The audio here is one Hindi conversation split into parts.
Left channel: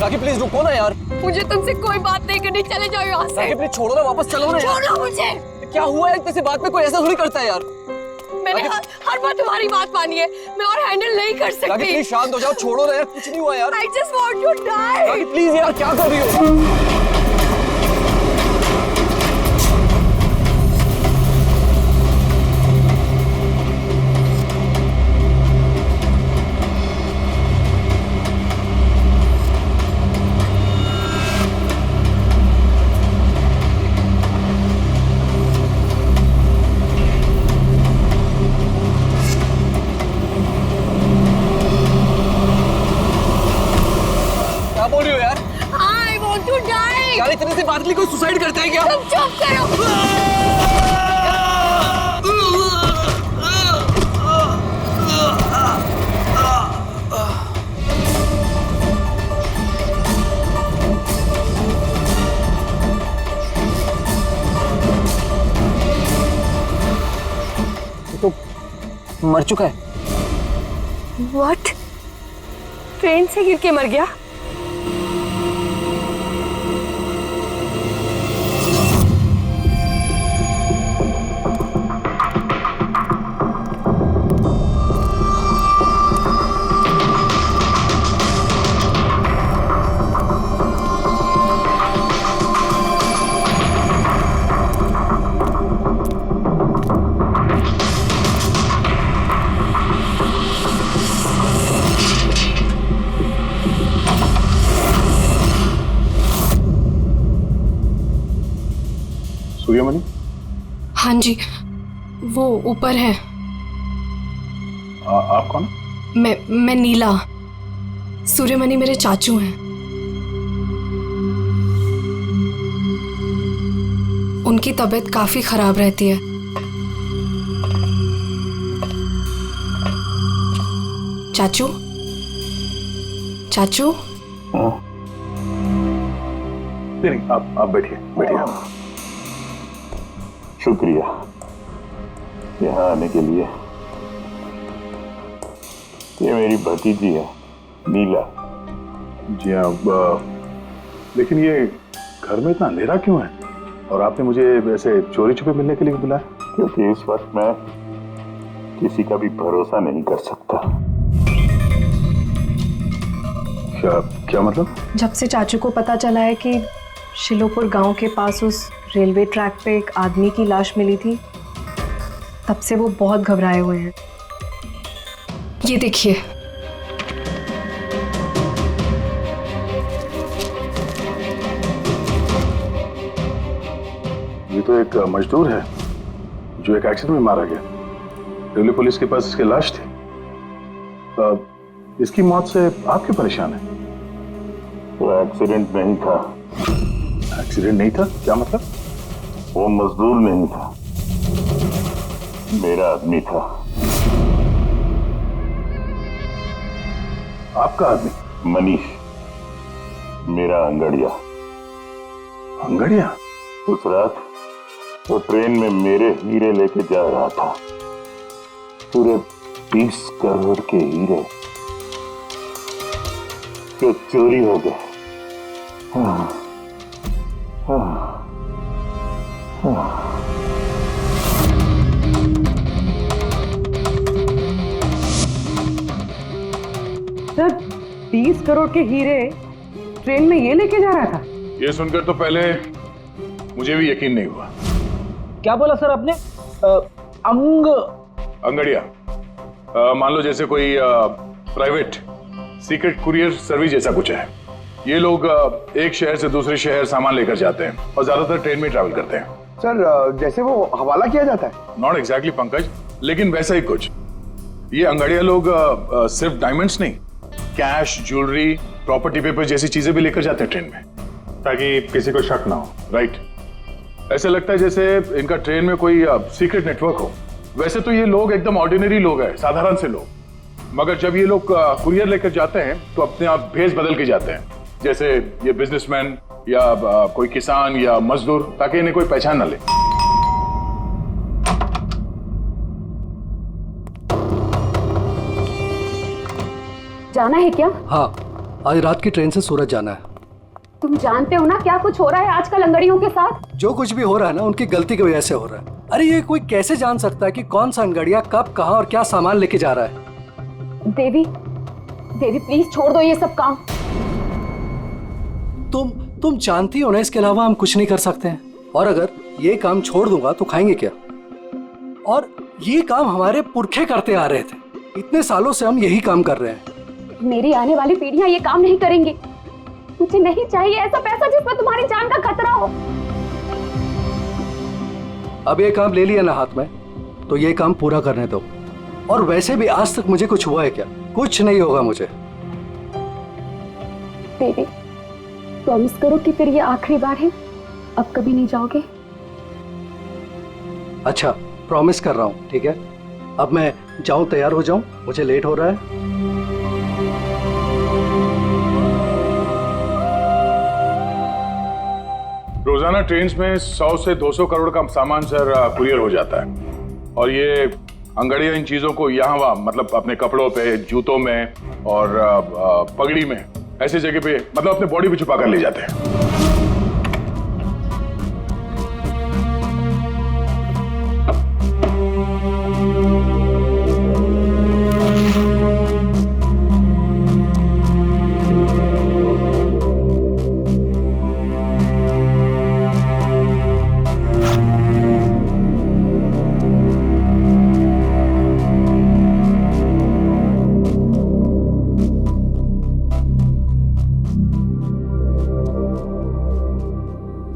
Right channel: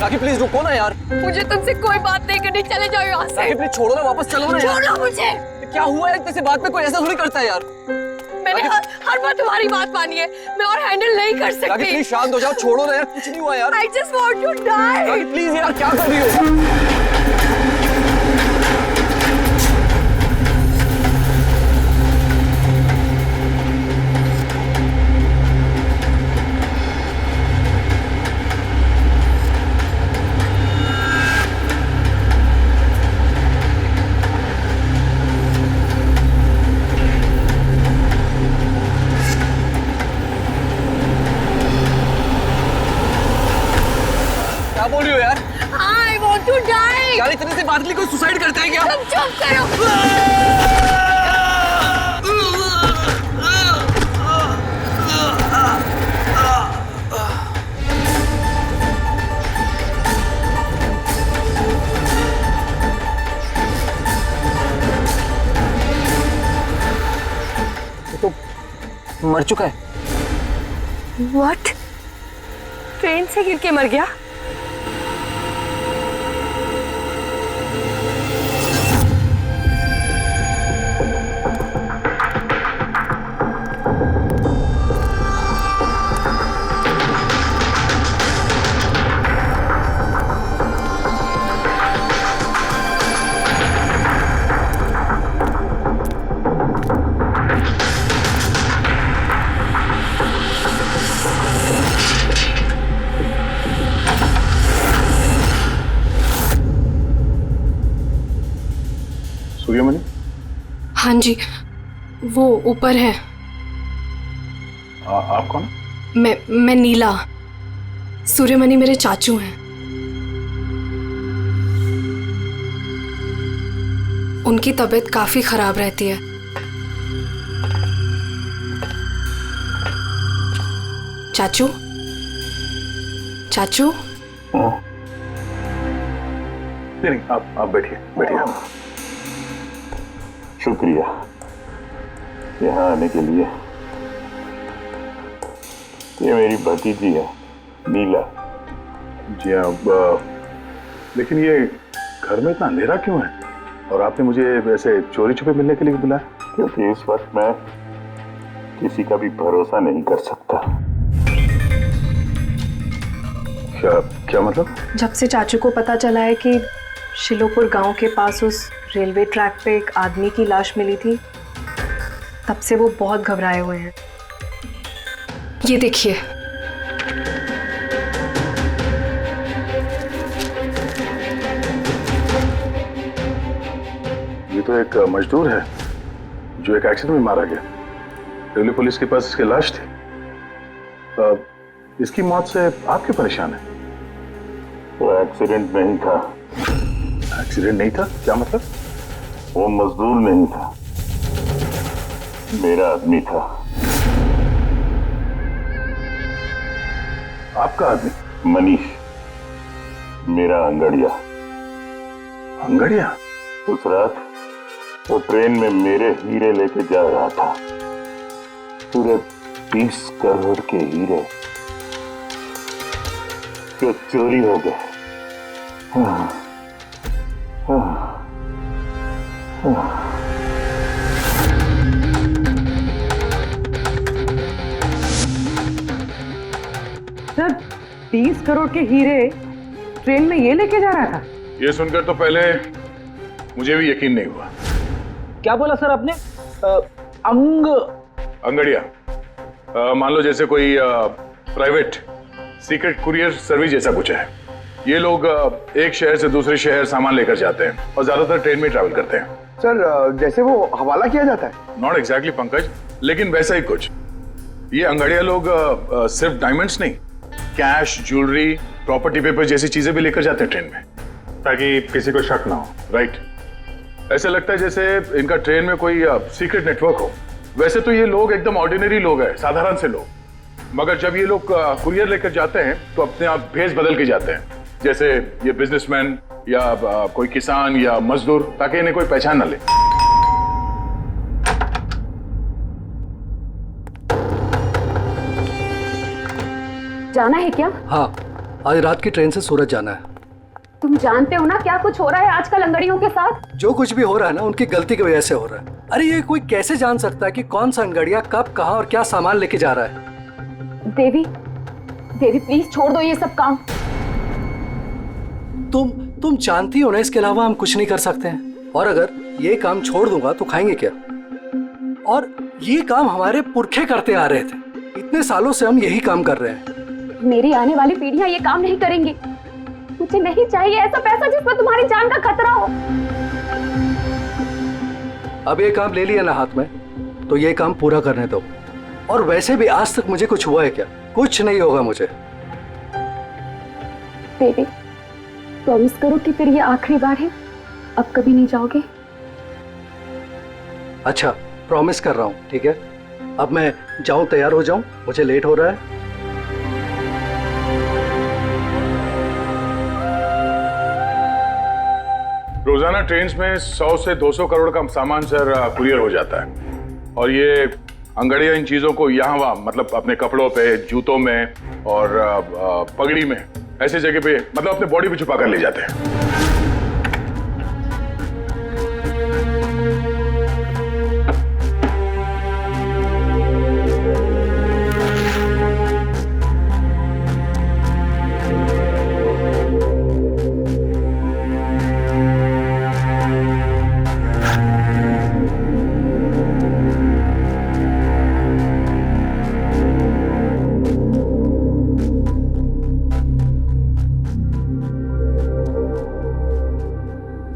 राखी प्लीज रुको ना यार। मुझे तुमसे कोई बात नहीं करनी, चले जाओ यहाँ से। राखी प्लीज छोड़ो ना, वापस चलो ना यार। छोड़ो मुझे। क्या हुआ है, किसी बात पे कोई ऐसा थोड़ी करता है यार। मैंने हर बार तुम्हारी बात मानी है, मैं और हैंडल नहीं कर सकती। राखी प्लीज शांत हो जाओ, छोड़ो ना यार, कुछ नहीं हुआ यार। I just want to die। Rakhi please यार, क्या कर रही हो? क्या बोल रही हो यार? I want to die। यार इतने से बात के लिए कोई सुसाइड करता है क्या? तुम चुप करो। तो मर चुका है। What? ट्रेन से गिर के मर गया? सूर्यमणि? हाँ जी, वो ऊपर है। आप कौन? मैं नीला। सूर्यमणि मेरे चाचू हैं। उनकी तबीयत काफी खराब रहती है। चाचू, चाचू। नहीं, आप बैठिए बैठिए। शुक्रिया यहाँ आने के लिए। ये मेरी भतीजी है नीला। जी हाँ, लेकिन ये घर में इतना अंधेरा क्यों है? और आपने मुझे वैसे चोरी छुपे मिलने के लिए बुलाया? क्योंकि इस वक्त मैं किसी का भी भरोसा नहीं कर सकता। क्या मतलब? जब से चाचू को पता चला है कि शिलोपुर गांव के पास उस रेलवे ट्रैक पे एक आदमी की लाश मिली थी, तब से वो बहुत घबराए हुए हैं। ये देखिए। ये तो एक मजदूर है जो एक एक्सीडेंट में मारा गया। रेलवे पुलिस के पास इसकी लाश थी। इसकी मौत से आप क्यों परेशान हैं? वो एक्सीडेंट नहीं था। एक्सीडेंट नहीं था? क्या मतलब? वो मजदूर नहीं था, मेरा आदमी था। आपका आदमी? मनीष, मेरा अंगड़िया। अंगड़िया? उस रात वो ट्रेन में मेरे हीरे लेके जा रहा था। पूरे 20 करोड़ के हीरे जो चोरी हो गए। सर, 20 करोड़ के हीरे ट्रेन में ये लेके जा रहा था? ये सुनकर तो पहले मुझे भी यकीन नहीं हुआ। क्या बोला सर आपने? अंगड़िया, मान लो जैसे कोई प्राइवेट सीक्रेट कुरियर सर्विस जैसा कुछ है। ये लोग एक शहर से दूसरे शहर सामान लेकर जाते हैं और ज्यादातर ट्रेन में ट्रैवल करते हैं। सर, जैसे वो हवाला किया जाता है? नॉट एग्जैक्टली पंकज, लेकिन वैसा ही कुछ। ये अंगड़िया लोग सिर्फ डायमंड्स नहीं, कैश, ज्वेलरी, प्रॉपर्टी पेपर जैसी चीजें भी लेकर जाते हैं ट्रेन में, ताकि किसी को शक ना हो। राइट? ऐसा लगता है जैसे इनका ट्रेन में कोई सीक्रेट नेटवर्क हो। वैसे तो ये लोग एकदम ऑर्डिनरी लोग हैं, साधारण से लोग, मगर जब ये लोग कुरियर लेकर जाते हैं तो अपने आप भेष बदल के जाते हैं, जैसे ये बिजनेसमैन या कोई किसान या मजदूर, ताकि इन्हें कोई पहचान ना ले। जाना है क्या? हाँ, आज रात की ट्रेन से सूरत जाना है। तुम जानते हो ना क्या कुछ हो रहा है आजकल अंगड़ियों के साथ? जो कुछ भी हो रहा है ना, उनकी गलती की वजह से हो रहा है। अरे ये कोई कैसे जान सकता है कि कौन सा अंगड़िया कब, कहाँ और क्या सामान लेके जा रहा है? देवी, देवी प्लीज छोड़ दो ये सब काम। तुम जानती हो ना, इसके अलावा हम कुछ नहीं कर सकते हैं। और अगर ये काम छोड़ दूंगा तो खाएंगे क्या? और ये काम हमारे पुरखे करते आ रहे थे, इतने सालों से हम यही काम कर रहे हैं। मेरी आने वाली पीढ़ियां ये काम नहीं करेंगी। मुझे नहीं चाहिए ऐसा पैसा जिसमें तुम्हारी जान का खतरा हो। अब ये काम ले लिया ना हाथ में, तो ये काम पूरा करने दो। और वैसे भी आज तक मुझे कुछ हुआ है क्या? कुछ नहीं होगा मुझे। देवी, प्रॉमिस करो कि फिर ये आखिरी बार है, अब कभी नहीं जाओगे। अच्छा, प्रॉमिस कर रहा हूँ, ठीक है? अब मैं जाऊं, तैयार हो जाऊं, मुझे लेट हो रहा है। रोजाना ट्रेन में 100 से 200 करोड़ का सामान सर कुरियर हो जाता है। और ये अंगड़िया इन चीजों को यहाँ वहाँ, मतलब अपने कपड़ों पे, जूतों में और पगड़ी में, ऐसी जगह पे, मतलब अपने बॉडी पे छुपा कर ले जाते हैं।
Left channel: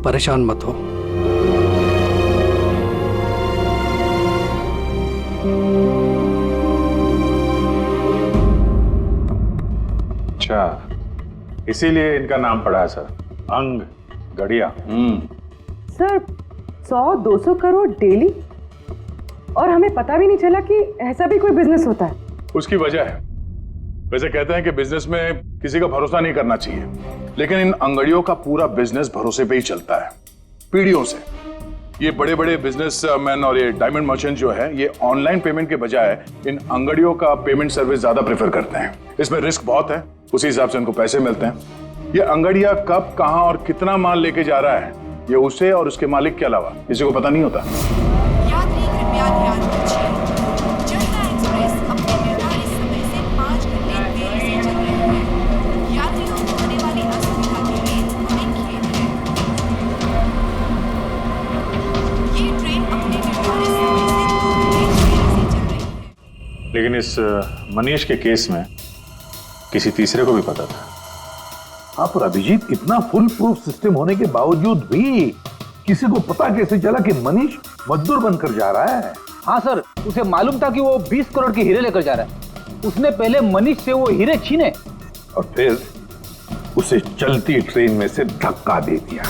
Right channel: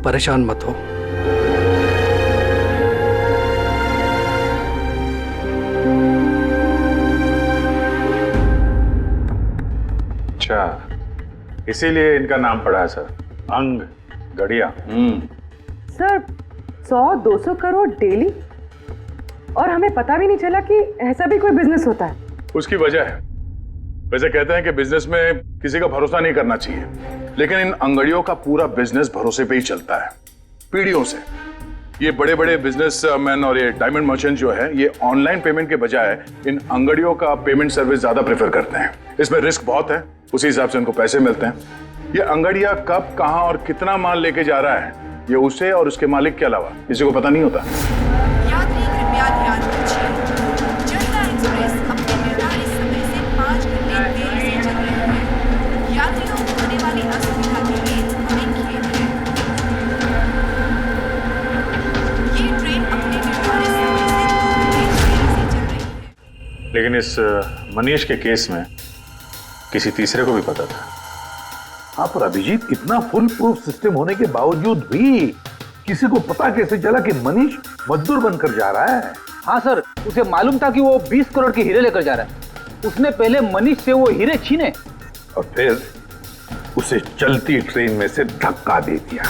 परेशान मत हो। अच्छा, इसीलिए इनका नाम पड़ा है सर, अंग गड़िया। सर 100-200 करोड़ डेली, और हमें पता भी नहीं चला कि ऐसा भी कोई बिजनेस होता है। उसकी वजह है, वैसे कहते हैं कि बिजनेस में किसी का भरोसा नहीं करना चाहिए, लेकिन इन अंगड़ियों का पूरा बिजनेस भरोसे पे ही चलता है, पीढ़ियों से। ये बड़े बड़े बिजनेसमैन और ये डायमंड मर्चेंट जो है, ये ऑनलाइन पेमेंट के बजाय इन अंगड़ियों का पेमेंट सर्विस ज्यादा प्रेफर करते हैं। इसमें रिस्क बहुत है, उसी हिसाब से उनको पैसे मिलते हैं। ये अंगड़िया कब, कहां और कितना माल लेके जा रहा है, ये उसे और उसके मालिक के अलावा किसी को पता नहीं होता। यात्री कृपया ध्यान दीजिए, जनता एक्सप्रेस अपने निर्धारित समय से 5 घंटे देरी से चल रही है। यात्रियों को होने वाली असुविधा के लिए हमें खेद है। ये ट्रेन अपने निर्धारित समय से 2 घंटे देरी से चल रही है। लेकिन इस मनीष के केस में किसी तीसरे को भी पता था। हाँ, पर अभिजीत, इतना फुल प्रूफ सिस्टम होने के बावजूद भी किसी को पता कैसे चला कि मनीष मजदूर बनकर जा रहा है? हाँ सर, उसे मालूम था कि वो 20 करोड़ के हीरे लेकर जा रहा है। उसने पहले मनीष से वो हीरे छीने और फिर उसे चलती ट्रेन में से धक्का दे दिया।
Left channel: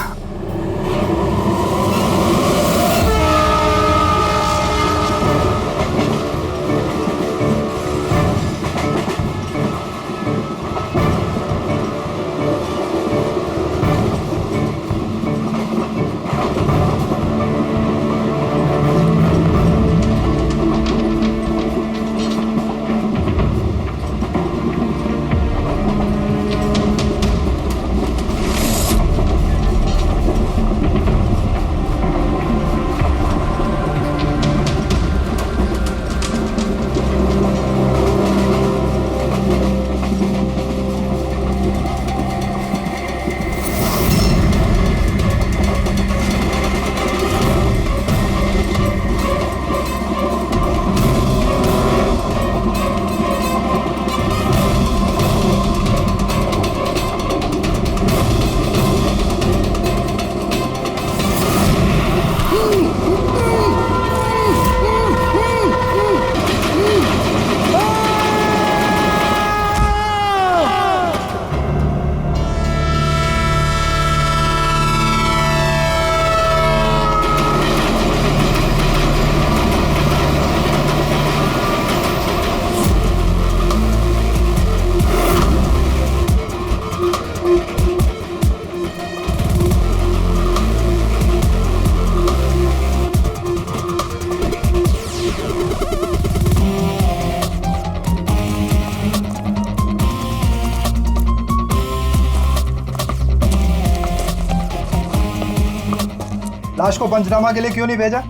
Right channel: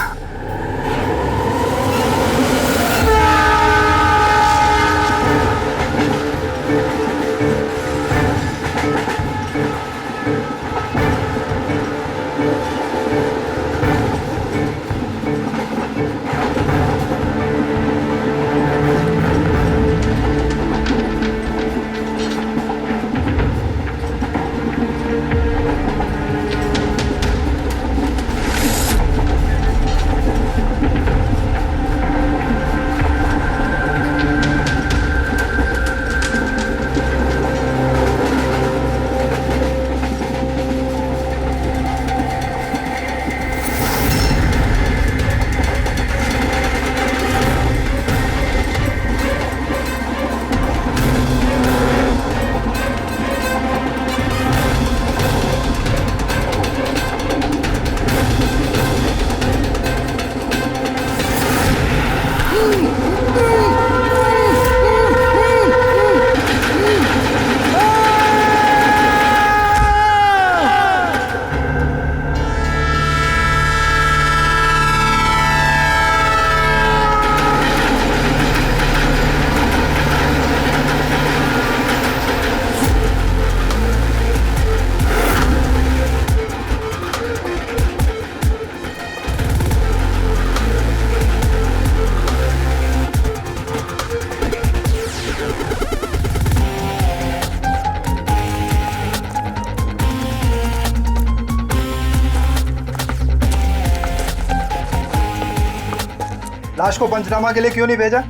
लाश को पंचनामा के लिए क्यों नहीं भेजा?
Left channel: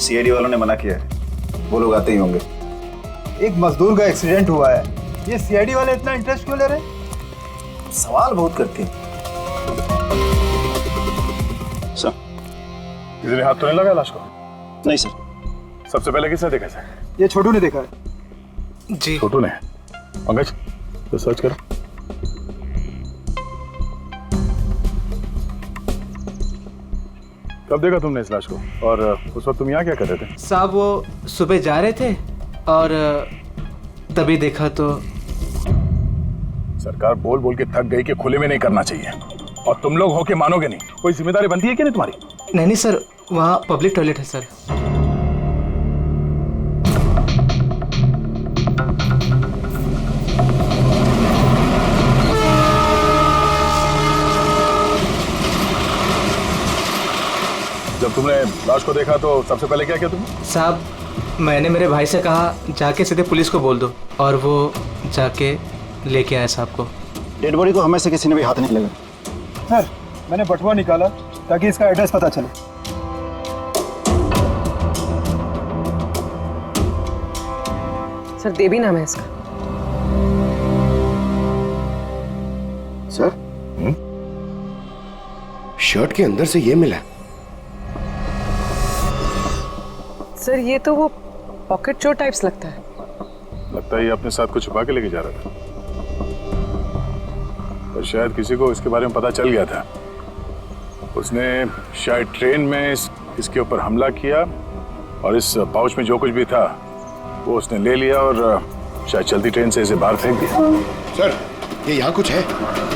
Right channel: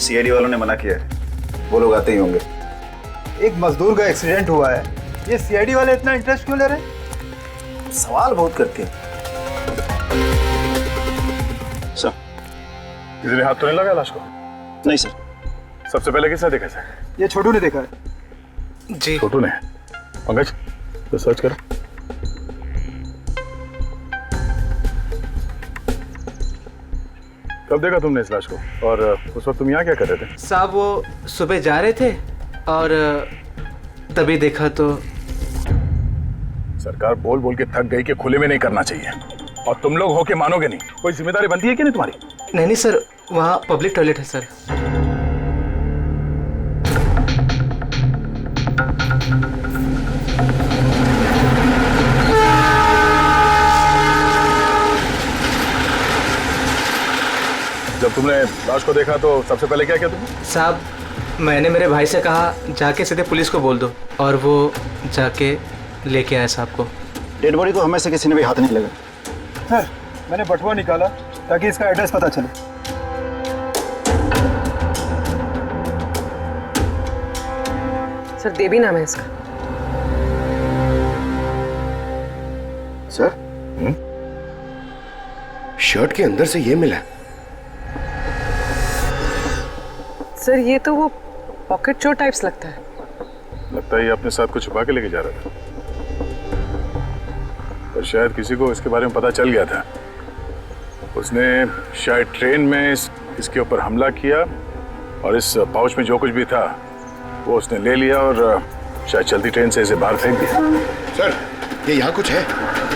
सीआईडी वालों ने मना किया है, वो लोग आते ही होंगे। एक मजदूर का एक्सीडेंट हुआ है, ये सीआईडी वाले इतना इंटरेस्ट क्यों ले रहे? सवाल बहुत करते हैं। सर, किसी ने हाथ तो नहीं लगाया लाश को? नहीं सर। सबसे पहले किसने देखा सर? ये छोटू ने देखा है। जी। छोटू ने? पंकज, तो सर्च करो। कब देखा तुमने इस लाश को? और उस वक्त तुम यहाँ क्या कर रहे थे? साहब वो सुबह जा रहे थे और तभी देखा तो। सरकार बोल बोल के थक गई कि खुले में नहीं करना चाहिए, और तुम लोग हो के मानोगे नहीं। कोई जिम्मेदारी बनती है कि नहीं तुम्हारी? नहीं नहीं सर, वहाँ पब्लिक टॉयलेट है सर। जब तुमने लाश को देखा तो सबसे पहले क्या किया तुमने? साहब मैंने मेरे भाई से कहा जाके सीधे पुलिस को बोल दो, और वो जाके लेके आया साहब को। डेड बॉडी को हमें से किसी ने भी हाथ नहीं लगा। सर, मैंने बटुआ निकाला ताकि इसका एड्रेस पता चले। सर देवी नाम है इसका। सर, शर्ट के अंदर से ये मिला। सर ये तो वो पॉकेट चोर टाइप्स लगता है। लगता है ये अपने साथ कुछ छुपा के लेके जा रहा था, पर शायद किसी को इसके बारे में पता चल गया था। उसने शायद ट्रेन में इसके ऊपर हमला किया, और इस पाउच में जो कुछ भी था वो उसने ले लिया और शायद चलती ट्रेन से इसे बाहर फेंक दिया। सर, ये यहाँ कुछ है।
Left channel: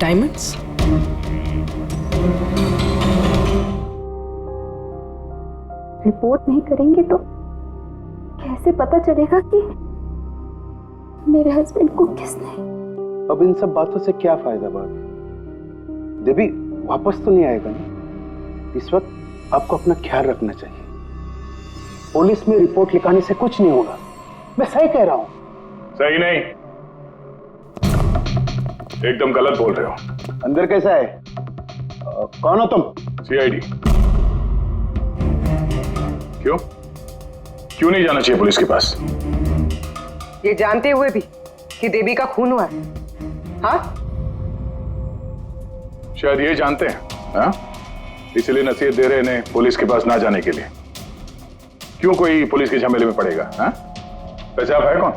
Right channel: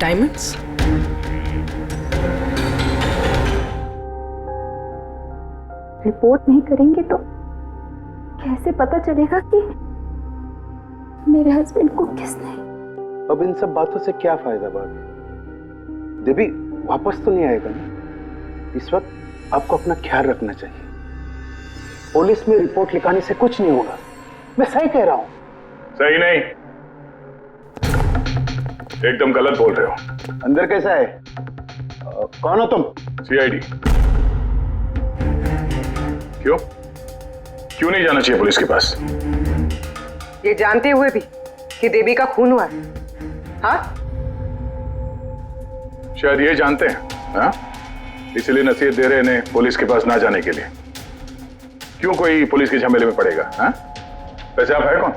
डायमंड्स? रिपोर्ट नहीं करेंगे तो कैसे पता चलेगा कि मेरे हस्बैंड को किसने? अब इन सब बातों से क्या फायदा भाभी? देवी वापस तो नहीं आएगा ना? इस वक्त आपको अपना ख्याल रखना चाहिए। पुलिस में रिपोर्ट लिखाने से कुछ नहीं होगा। मैं सही कह रहा हूँ। सही नहीं, एकदम गलत बोल रहे हो। अंदर कैसा है? कौन हो तुम? सीआईडी। क्यों क्यों नहीं जाना चाहिए पुलिस के पास? ये जानते हुए भी कि देवी का खून हुआ है? हाँ? शायद ये जानते हैं, हाँ? इसलिए नसीहत दे रहे हैं पुलिस के पास ना जाने के लिए। क्यों कोई पुलिस के झमेले में पड़ेगा? हाँ? वैसे आप है कौन,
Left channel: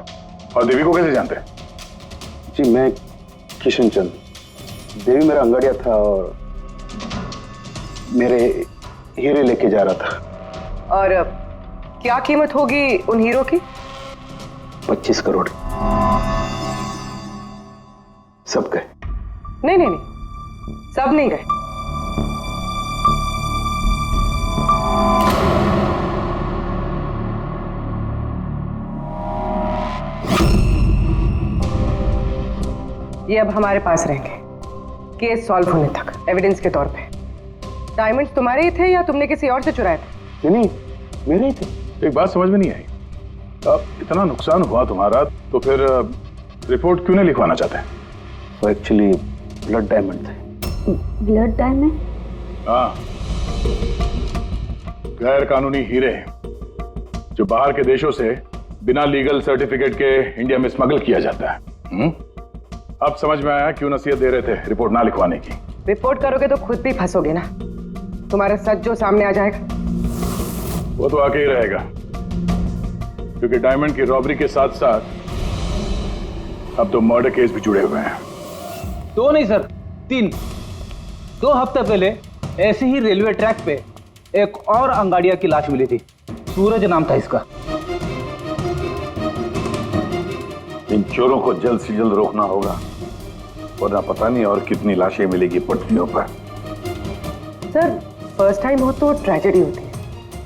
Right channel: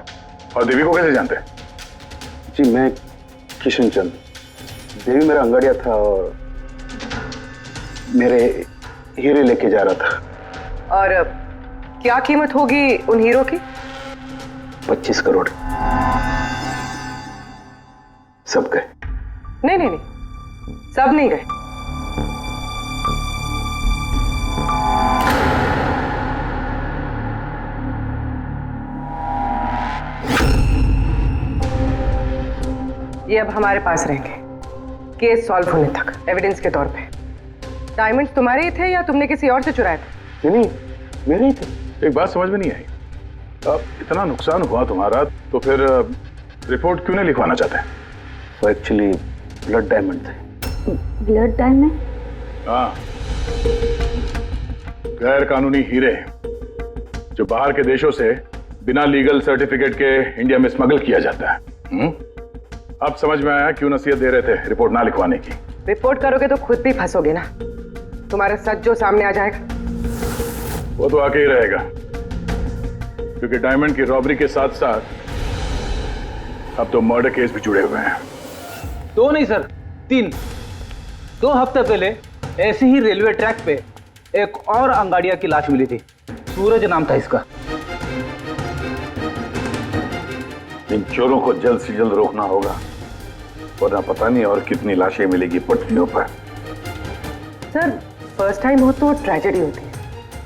और देवी को कैसे जानते हैं? जी मैं किशन चंद। देवी मेरा अंगड़िया था और मेरे हीरे लेके जा रहा था। और क्या कीमत होगी उन हीरो की? 25 करोड़। सब गए? नहीं नहीं नहीं, सब नहीं गए। ये अब हमारे पास रहेंगे केस सॉल्व होने तक, एविडेंस के तौर पे। डायमंड्स तुम्हारे ही थे या तुमने किसी और से चुराए थे? नहीं, मेरे ही थे। एक बात समझ में नहीं आई, अब इतना नुकसान हुआ तुम्हारा तो फिर रिपोर्ट क्यों नहीं लिखवाना चाहते? वो एक्चुअली ब्लड डायमंड थे। Blood diamond? हाँ, गैर कानूनी हीरे जो बाहर के देशों से बिना लीगल सर्टिफिकेट के इंडिया में स्मगल किया जाता है। अब समझ में आया क्यों नसीहत दे रहे थे रिपोर्ट ना लिखवाने की। रिपोर्ट करोगे तो खुद भी फंसोगे ना, तुम्हारा सच जो सामने आ जाएगा। वो तो आके ही रहेगा, क्योंकि डायमंड की रॉबरी के साथ साथ अब तो मर्डर केस भी जुड़े हुए हैं। 2 नहीं सर, 3। 2 हफ्ते पहले ऐसे ही रेलवे ट्रैक पे एक और अंगाड़िया की लाश मिली थी। सूरज नाम था इसका। इन चोरों को जल्द से जल्द रोकना होगा, वरना पता नहीं और कितनी लाशें मिलेगी पटरियों पर। सर फर्स्ट टाइम हो तो ट्रेजेडी होती है,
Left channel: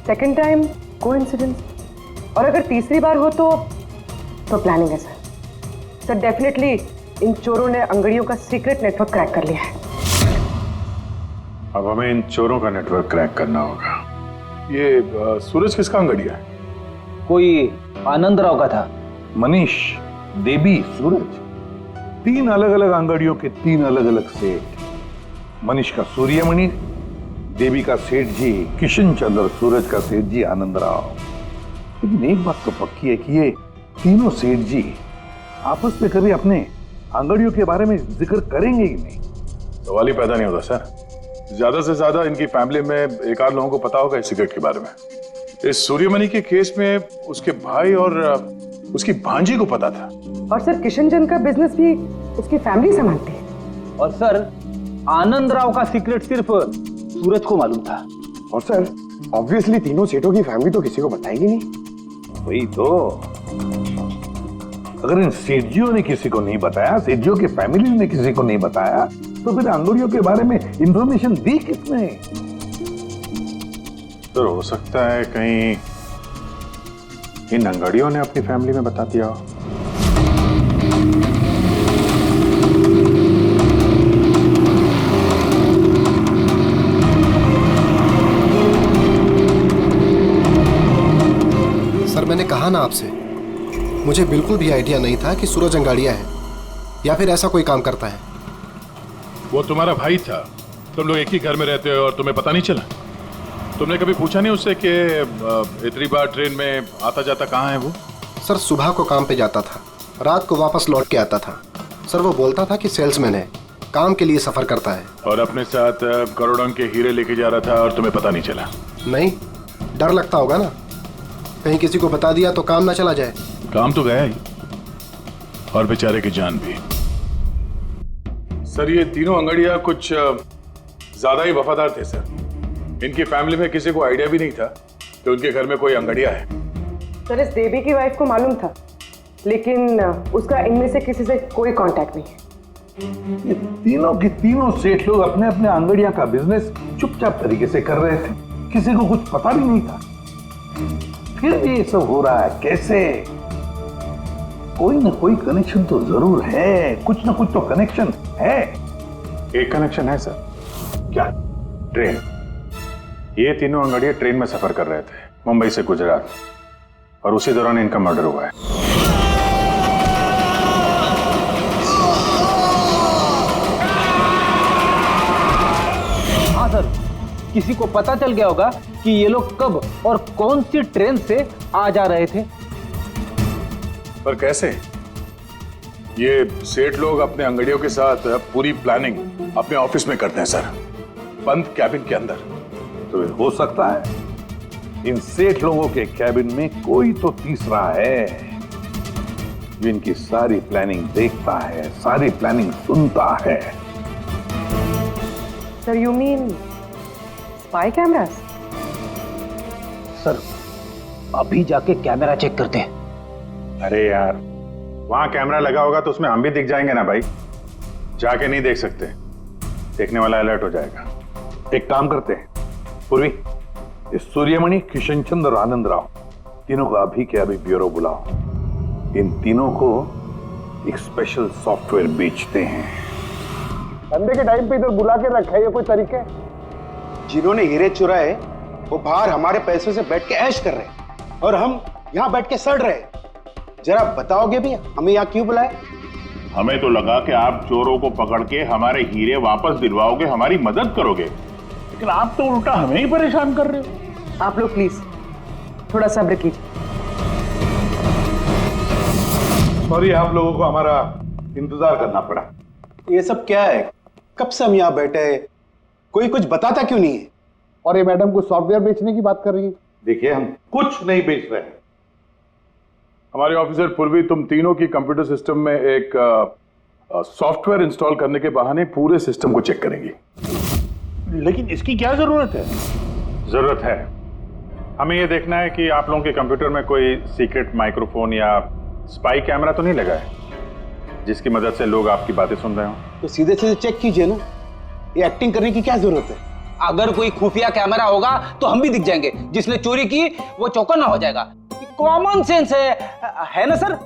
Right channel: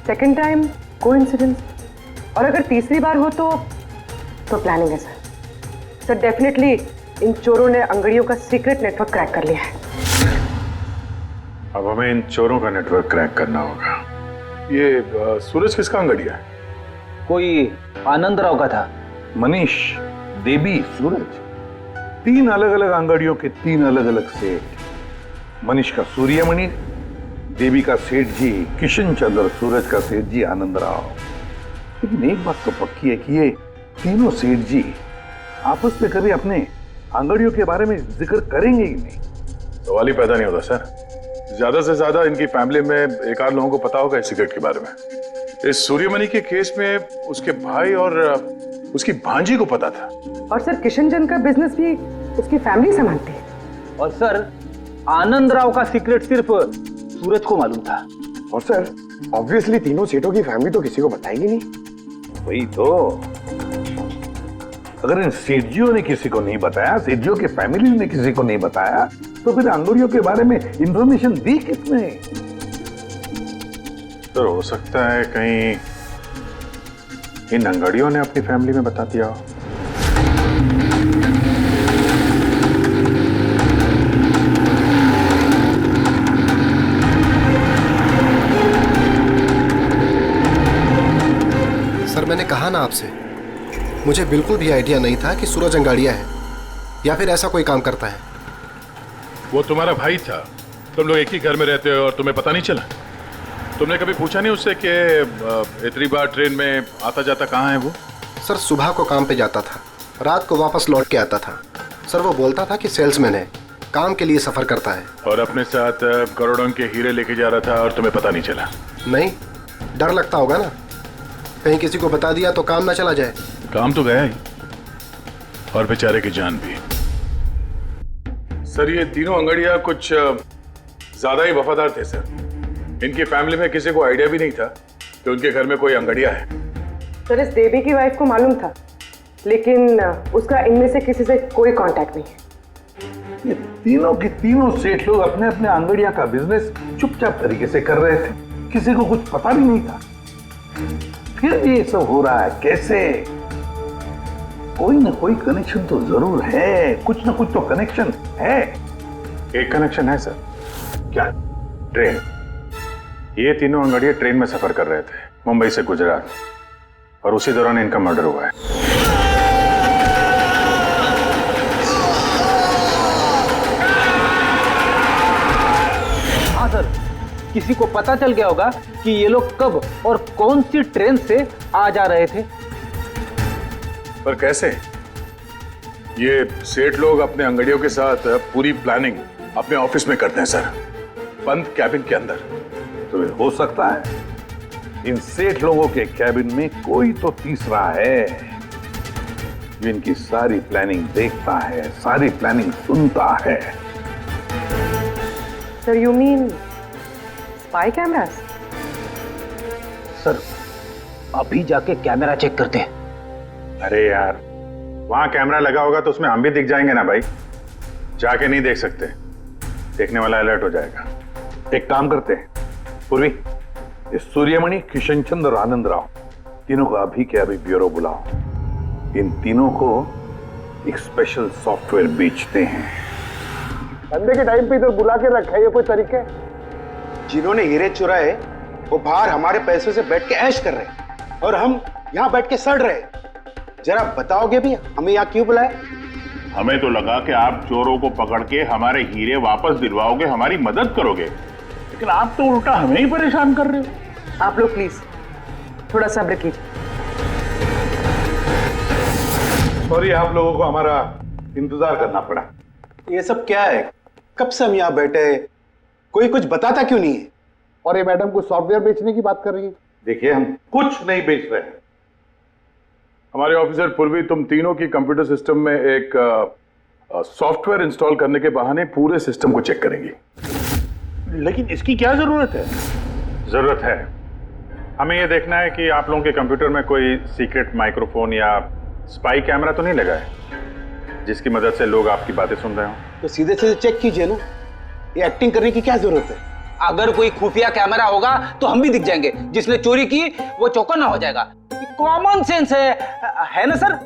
सेकंड टाइम कोइंसिडेंस, और अगर तीसरी बार हो तो प्लानिंग है सर। सर डेफिनेटली इन चोरों ने अंगड़ियों का सीक्रेट नेटवर्क क्रैक कर लिया है। अब हमें इन चोरों का नेटवर्क क्रैक करना होगा। ये सूरज किसका अंगड़िया है? कोई आनंद राव का था। मनीष, देवी, सूरज, 3 अलग अलग अंगड़ियों के 3 अलग अलग सेठ। मनीष का सूर्यमणि, देवी का सेठ जी किशन चंद्र, सूरज का सेठ जी आनंद राव। लेकिन एक बात तो पक्की है कि ये तीनों सेठ जी आपस में कभी अपने अंगड़ियों के बारे में जिक्र करेंगे ही नहीं। सवाल ही पैदा नहीं होता सर। ज्यादा से ज्यादा इनकी फैमिली में एक आध लोगों को पता होगा इस सिगरेट के बारे में। इस सूर्यमणि के केस में उसके भाई और उसकी भांजी को पता था। और सर किशन चंद का बिजनेस भी उसकी फैमिली संभालती है। और सर आनंद राव का सीक्रेट सिर्फ सूरज को मालूम था। और सर ऑब्वियसली तीनों सेठों की फैमिली तो किसी को बताएगी नहीं। वही तो, अगर इन सेठजियों ने किसी को नहीं बताया, सेठजियों की फैमिली ने किसी को नहीं बताया, तो फिर अंगड़ियों के बारे में इंफॉर्मेशन दी किसने? तो हो सकता है कहीं इन अंगड़ियों ने अपनी फैमिली में बता दिया हो। सर मैंने कहा ना आपसे, मुझे बिल्कुल भी आइडिया नहीं था कि सूरज अंगाड़िया है या फिर ऐसा कोई काम करता है। वो तुम्हारा भाई था, तुम लोग एक ही घर में रहते हो और तुम्हें पता नहीं चला? तुमने कभी पूछा नहीं उससे कि इतनी बार ट्रेन में आता जाता कहाँ है वो? सर सुबह को काम पे जाता था, रात को वापस लौट के आता था। सर वो बोलता था कि सेल्समैन है, काम के लिए सफर करता है। और अपने साथ करोड़ों के हीरे लेके जा रहा था और तुम्हें पता नहीं चला? नहीं, डर लगता होगा ना, कहीं किसी को बता दिया तो काम ना चला जाए। काम तो गया ही, और बेचारे की जान भी। सर ये तीनों अंगड़िया कुछ ज्यादा ही वफादार थे सर। इनकी फैमिली में किसी को आइडिया भी नहीं था कि उनके घर में कोई अंगड़िया है। सर इस देवी की वाइफ को मालूम था, लेकिन उसका इनमें से किसी से कोई कांटेक्ट नहीं है। ये तीनों की तीनों सेठ लोग अपने अपने अंगड़िया का बिजनेस चुपचाप तरीके से कर रहे थे, किसी को कुछ पता भी नहीं था। फिर ये सब हो रहा है कैसे? कोई ना कोई कनेक्शन तो जरूर है, कुछ ना कुछ तो कनेक्शन है। एक कनेक्शन है सर। क्या? ट्रेन। ये तीनों अंगड़िया ट्रेन में सफर कर रहे थे मुंबई से गुजरात, और उसी दौरान इनका मर्डर हुआ है। हाँ सर, किसी को पता चल गया होगा कि ये लोग कब और कौन सी ट्रेन से आ जा रहे थे। पर कैसे? ये सेठ लोग अपने अंगड़ियों के साथ पूरी प्लानिंग अपने ऑफिस में करते हैं सर, बंद कैबिन के अंदर। तो हो सकता है इन सेठ लोगों के कैबिन में कोई तो तीसरा है जो इनकी सारी प्लानिंग देखता है, सारी प्लानिंग सुनता है। Sir you mean spy cameras? Sir अभी जाके कैमरा चेक करते हैं। अरे यार, वहां कैमरा लगा होगा तो उसमें हम भी दिख जाएंगे ना भाई। जाके नहीं देख सकते, देखने वाला अलर्ट हो जाएगा। एक काम करते हैं पूर्वी, इस सूर्यमणि, किशन चंद्र और आनंद राव तीनों को अभी के अभी ब्यूरो बुलाओ। इन तीनों को एक स्पेशल सॉफ्टवेयर बेचते हैं। धंधे के टाइम पे इधर बुला के रखा है, ये कोई तरीका है? जिन्होंने हीरे चुराए वो बाहर हमारे पैसों से बैठ के ऐश कर रहे हैं और हम यहाँ बैठ के सड़ रहे। जरा बताओगे भी हमें यहाँ क्यों बुलाया? हमें तो लगा कि आप चोरों को पकड़ के हमारे हीरे वापस दिलवाओगे, हमारी मदद करोगे, लेकिन आप तो उल्टा हमें ही परेशान कर रहे हो। आप लोग प्लीज थोड़ा सब्र कीजिए। सॉरी, आप लोगों को हमारा इंतजार करना पड़ा। ये सब क्या है? कब से हम यहाँ बैठे हैं, कोई कुछ बताता क्यों नहीं है? और ये मैडम कुछ सॉफ्टवेयर बेचने की बात कर रही है। देखिए, हम कुछ नहीं बेच रहे हैं। हमारे ऑफिसर पूर्वी तुम तीनों की कंप्यूटर सिस्टम में एक सॉफ्टवेयर इंस्टॉल करने के बहाने पूरे सिस्टम को चेक करेंगी। लेकिन इसकी क्या जरूरत है? जरूरत है, हमें यह देखना है कि आप लोगों के कंप्यूटर में कोई सीक्रेट माइक्रोफोन या स्पाई कैमरा तो नहीं लगा है। जिसकी मदद से लोग आपकी बातें सुन रहे हो? तो सीधे सीधे चेक कीजिए ना, ये एक्टिंग करने की क्या जरूरत है? अगर कोई खुफिया कैमरा होगा तो हम भी दिख जाएंगे, जिसने चोरी की वो चौकन्ना हो जाएगा। कॉमन सेंस है ना सर?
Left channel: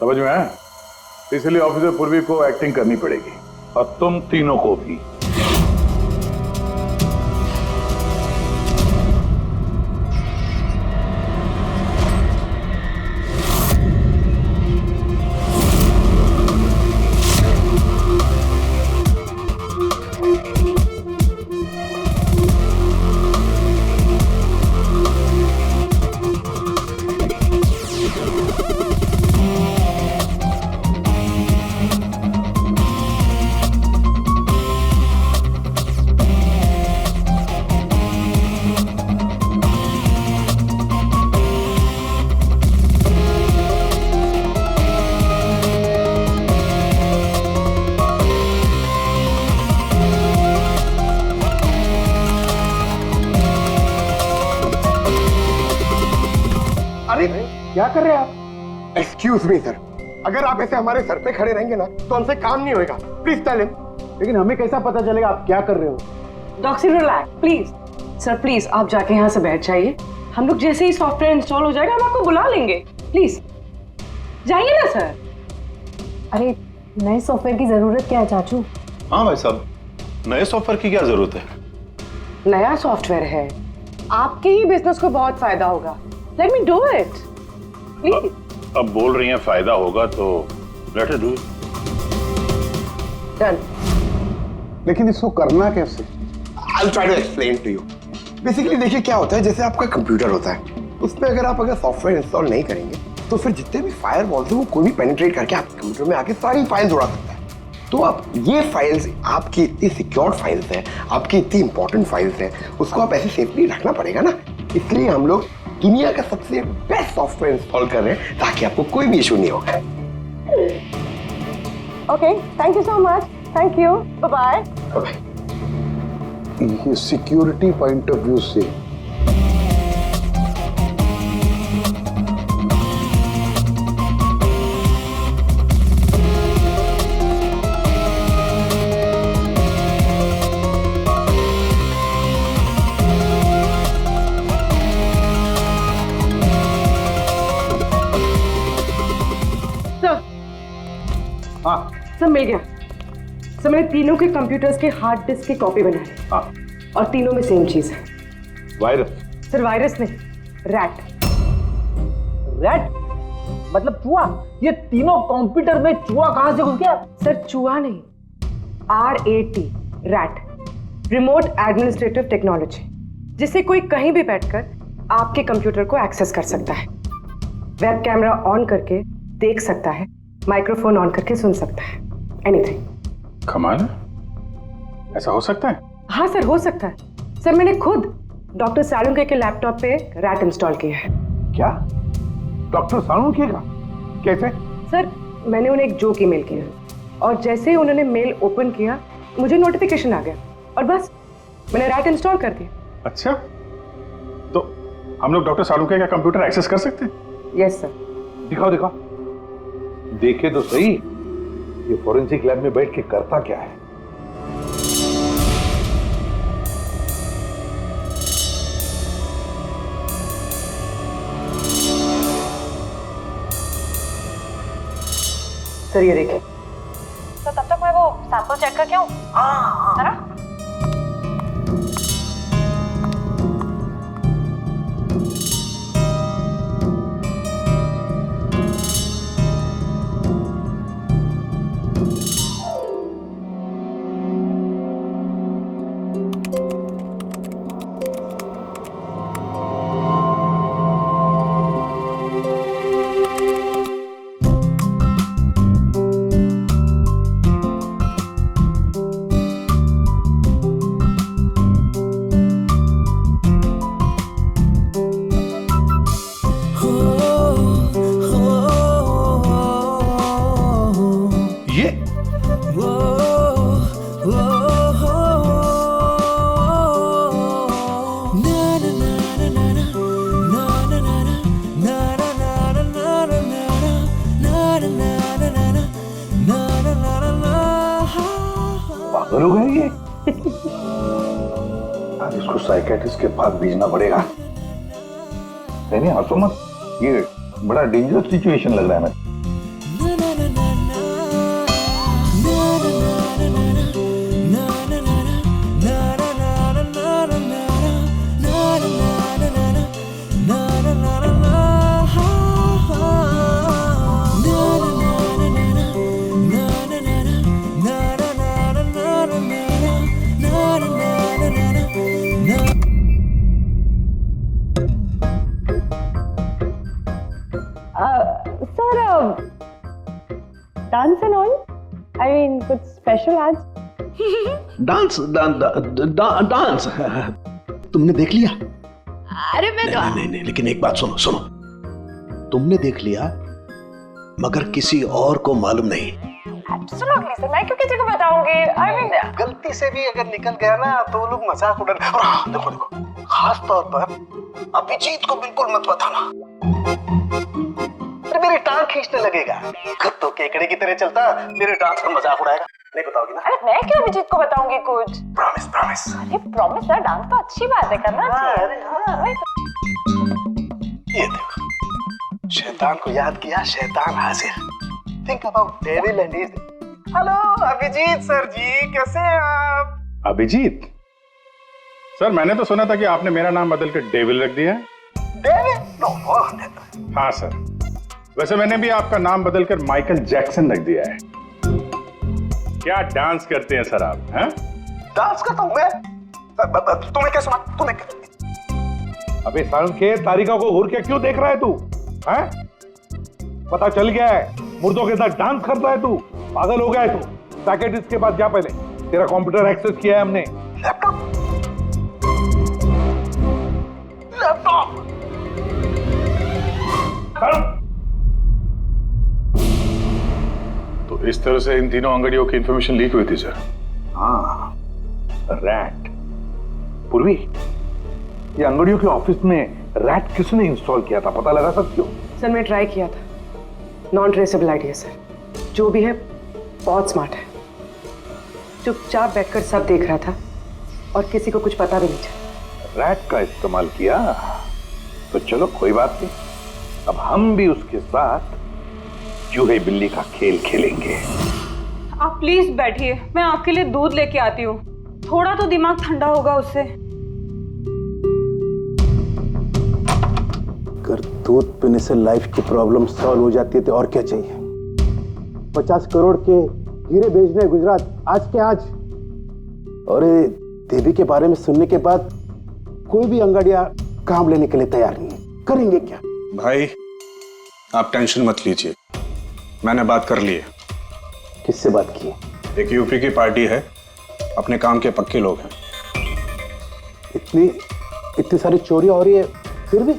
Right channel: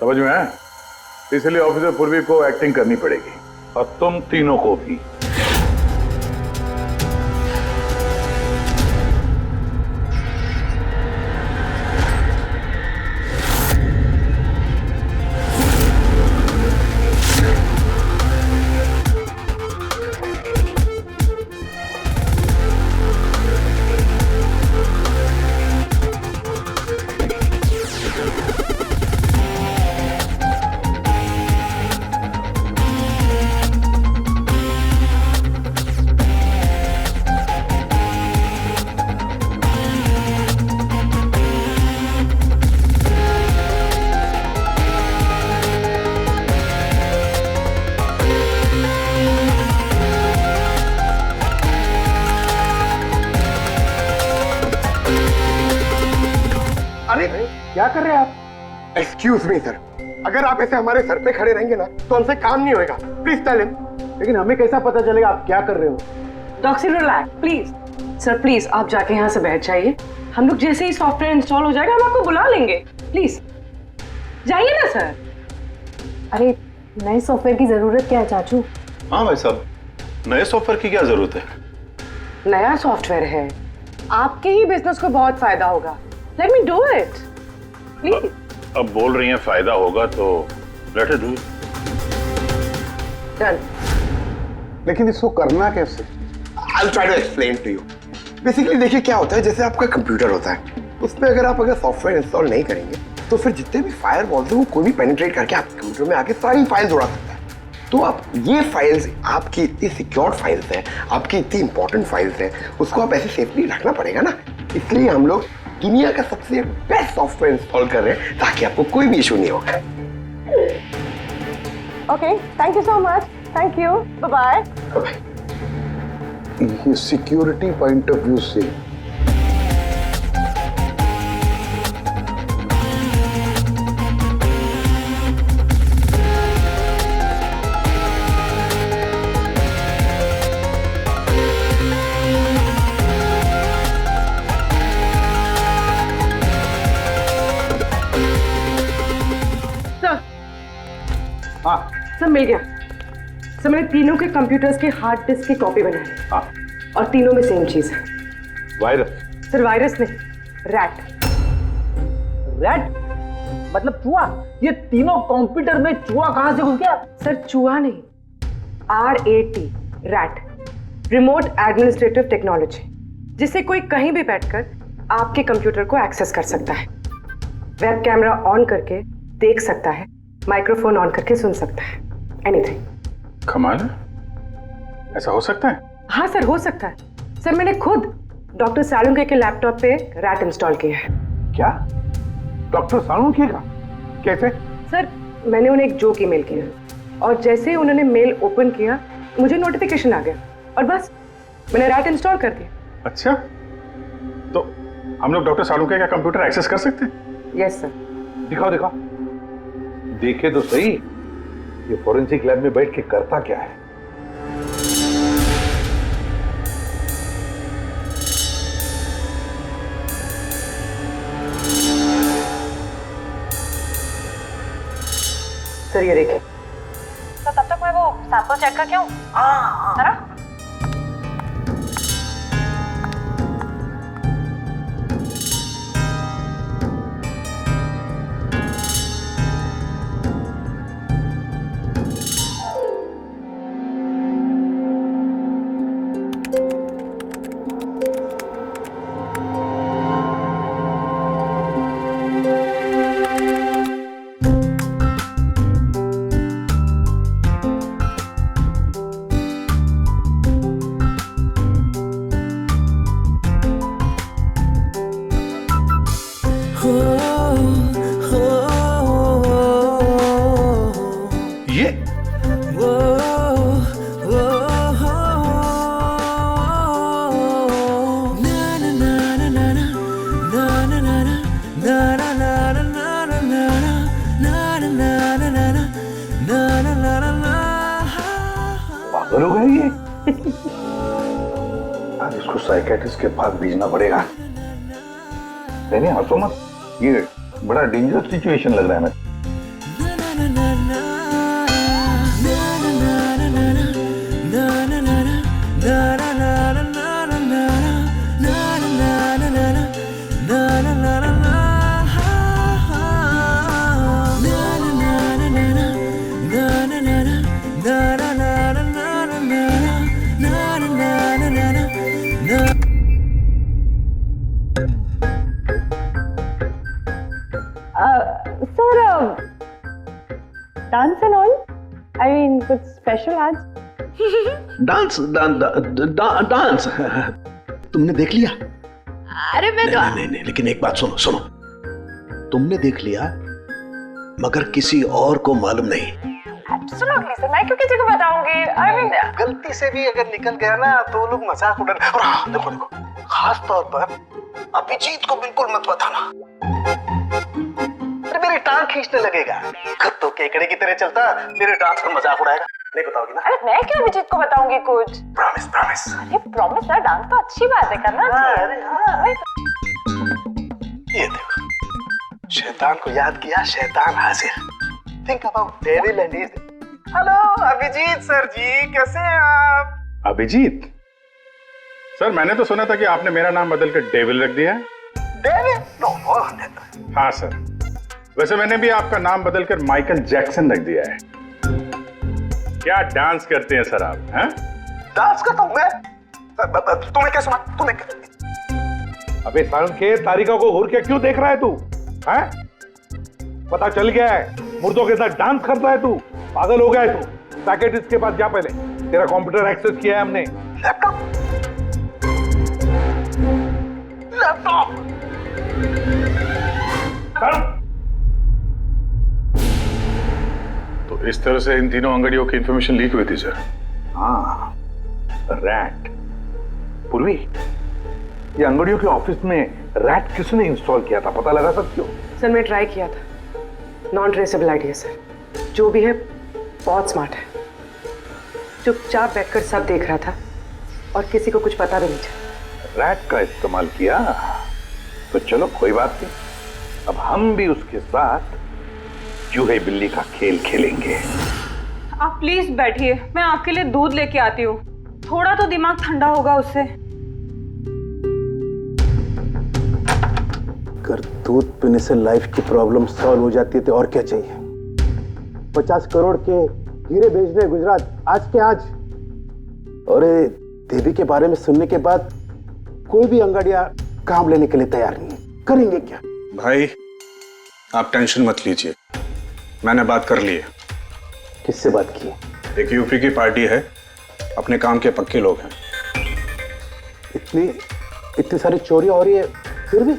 समझ में आया? इसलिए ऑफिसर पूर्वी को एक्टिंग करनी पड़ेगी, और तुम तीनों को भी। अरे क्या कर रहे हैं आप? एक्सक्यूज मी सर, अगर आप ऐसे हमारे सर पे खड़े रहेंगे ना तो हमसे काम नहीं होएगा। Please tell him. लेकिन हमें कैसा पता चलेगा आप क्या कर रहे हो? Doctor relax please. Sir please आप जाके यहाँ से बैठ जाइए, हम लोग जैसे ही सॉफ्टवेयर इंस्टॉल हो जाएगा हम आपको बुला लेंगे। प्लीज जाइए ना सर। अरे नए सॉफ्टवेयर की जरूरत क्या है चाचू? हाँ भाई साहब, नए सॉफ्टवेयर की क्या जरूरत है? नया सॉफ्टवेयर है, आपके ही बिजनेस को बहुत फायदा होगा। Let me do it please. अब बोल रही हैं फायदा होगा तो लेट इट डू। डन। लेकिन इसको करना कैसे? I'll try to explain to you. Basically देखिए क्या होता है, जैसे आपका कंप्यूटर होता है, उसमें अगर सॉफ्टवेयर इंस्टॉल नहीं करेंगे तो फिर जितने भी फायरवॉल्स हैं वो कोई भी पेनिट्रेट करके आपके कंप्यूटर में आके सारी फाइल्स उड़ा सकता है। तो आप ये फाइल्स, आपकी इतनी सिक्योर्ड फाइल्स हैं, आपकी इतनी इंपॉर्टेंट फाइल्स हैं, उसको आप ऐसे सेफली रखना पड़ेगा ना। इसलिए हम लोग दुनिया का सबसे बेस्ट सॉफ्टवेयर इंस्टॉल कर रहे हैं ताकि आपको कोई भी इशू नहीं होगा। Okay, thank you so much. Thank you, bye bye. Bye. ये सिक्योरिटी पॉइंट ऑफ व्यू से हाँ सर मिल गया सर। मैंने तीनों के कंप्यूटर्स के हार्ड डिस्क की कॉपी बनाई। हाँ। और तीनों में सेम चीज है। वायरस? सर वायरस नहीं, रैट। रैट मतलब चूहा? ये तीनों कंप्यूटर में चूहा कहां से घुस गया? सर चूहा नहीं, RAT, rat, remote administrative technology, जिससे कोई कहीं भी बैठकर आपके कंप्यूटर को एक्सेस कर सकता है, वेब कैमरा ऑन करके देख सकता है, माइक्रोफोन ऑन करके सुन सकता है, एनीथिंग। कमाल है, ऐसा हो सकता है? हाँ सर हो सकता है। सर मैंने खुद डॉक्टर सालुंके के लैपटॉप पे रैट इंस्टॉल किया है। क्या? डॉक्टर सालुंके का? कैसे? सर मैंने उन्हें एक जोक ईमेल किया और जैसे ही उन्होंने मेल ओपन किया मुझे नोटिफिकेशन आ गया और बस मैंने रैट इंस्टॉल कर दिया। अच्छा, तो हम लोग डॉक्टर सालुंके का कंप्यूटर एक्सेस कर सकते हैं? Yes sir. दिखाओ दिखाओ, देखे तो सही ये फोरेंसिक लैब में बैठ के करता क्या है। सर ये देखिए। तो तब तक मैं वो सैंपल चेक करके आऊं? हाँ। पागल हो गया ये? आज इसको साइकेट्रिस्ट के पास भेजना पड़ेगा। नहीं हंसो मत, ये बड़ा डेंजरस सिचुएशन लग रहा है। मैं sir dance and all, I mean कुछ स्पेशल आज? डांस डांस तुमने देख लिया? अरे मैं तो नहीं, लेकिन एक बात सुनो सुनो, तुमने देख लिया मगर किसी और को मालूम नहीं। एब्सोल्युटली सर, मैं क्यों किसी को बताऊंगी? आई मीन गलती से भी अगर निकल गया ना तो वो लोग मजाक उड़ा। और हाँ, देखो देखो, खास तौर पर अभिजीत को बिल्कुल मत बताना, अरे मेरी टांग खींचने लगेगा। तो केकड़े की तरह चलता मेरे डांस का मजाक उड़ाएगा। नहीं बताओगी ना? अरे मैं क्यों अभिजीत को बताऊंगी कुछ? Promise promise. अरे प्रॉमिस सर, डांस तो अच्छी बात है, करना चाहिए। अरे हाँ। ये देखो, शैतान को याद किया, शैतान हाजिर। Think about devil and his. Hello Abhijit sir ji, कैसे हैं आप? अभिजीत सर, मैंने तो सुना था कि आपने मेरा नाम बदल कर डेविल रख दिया है। डेविल? नो। हाँ सर, वैसे मैंने भी आपका नाम बदलकर माइकल जैक्सन रख दिया है। क्या डांस करते हैं सर आप? हैं? डांस करता हूँ मैं? तुम्हें क्या सुना? तुम्हें अबे सारंग के तारिका को घूर के क्यों देख रहा है तू? हैं? पता चल गया है मुर्दों के साथ डांस करता है तू। पागल हो गया है तू। साइकियाट्रिस्ट के पास जा पहले, तेरा कंप्यूटर एक्सेस किया है हमने। लैपटॉप? तो इस तरह से इन तीनों अंगड़ियों की इंफॉर्मेशन लीक हुई थी सर। हाँ, रैट। पूर्वी, ये अंगड़ियों के ऑफिस में रैट किसने इंस्टॉल किया था, पता लगा सकते हो? सर मैं ट्राई किया था, नॉन ट्रेसेबल आइडिया सर। जो भी है बहुत स्मार्ट है, चुपचाप बैठकर सब देख रहा था और किसी को कुछ पता भी नहीं चला। रैट का इस्तेमाल किया तो चलो कोई बात नहीं, अब हम भी उसके साथ चूहे बिल्ली का खेल खेलेंगे। आप प्लीज बैठिए, मैं आपके लिए दूध लेके आती हूँ, थोड़ा तो दिमाग ठंडा होगा उससे। अगर दूध पीने से लाइफ की प्रॉब्लम सॉल्व हो जाती है तो और क्या चाहिए? 50 करोड़ के हीरे भेजने गुजरात आज के आज, और देवी के बारे में सुनने के बाद कोई भी अंगड़िया काम लेने के लिए तैयार नहीं है। करेंगे क्या? भाई आप टेंशन मत लीजिए, मैंने बात कर ली है। किससे बात की? एक यूपी की पार्टी है, अपने काम के पक्के लोग हैं। इतनी सारी चोरियां हो रही है फिर भी?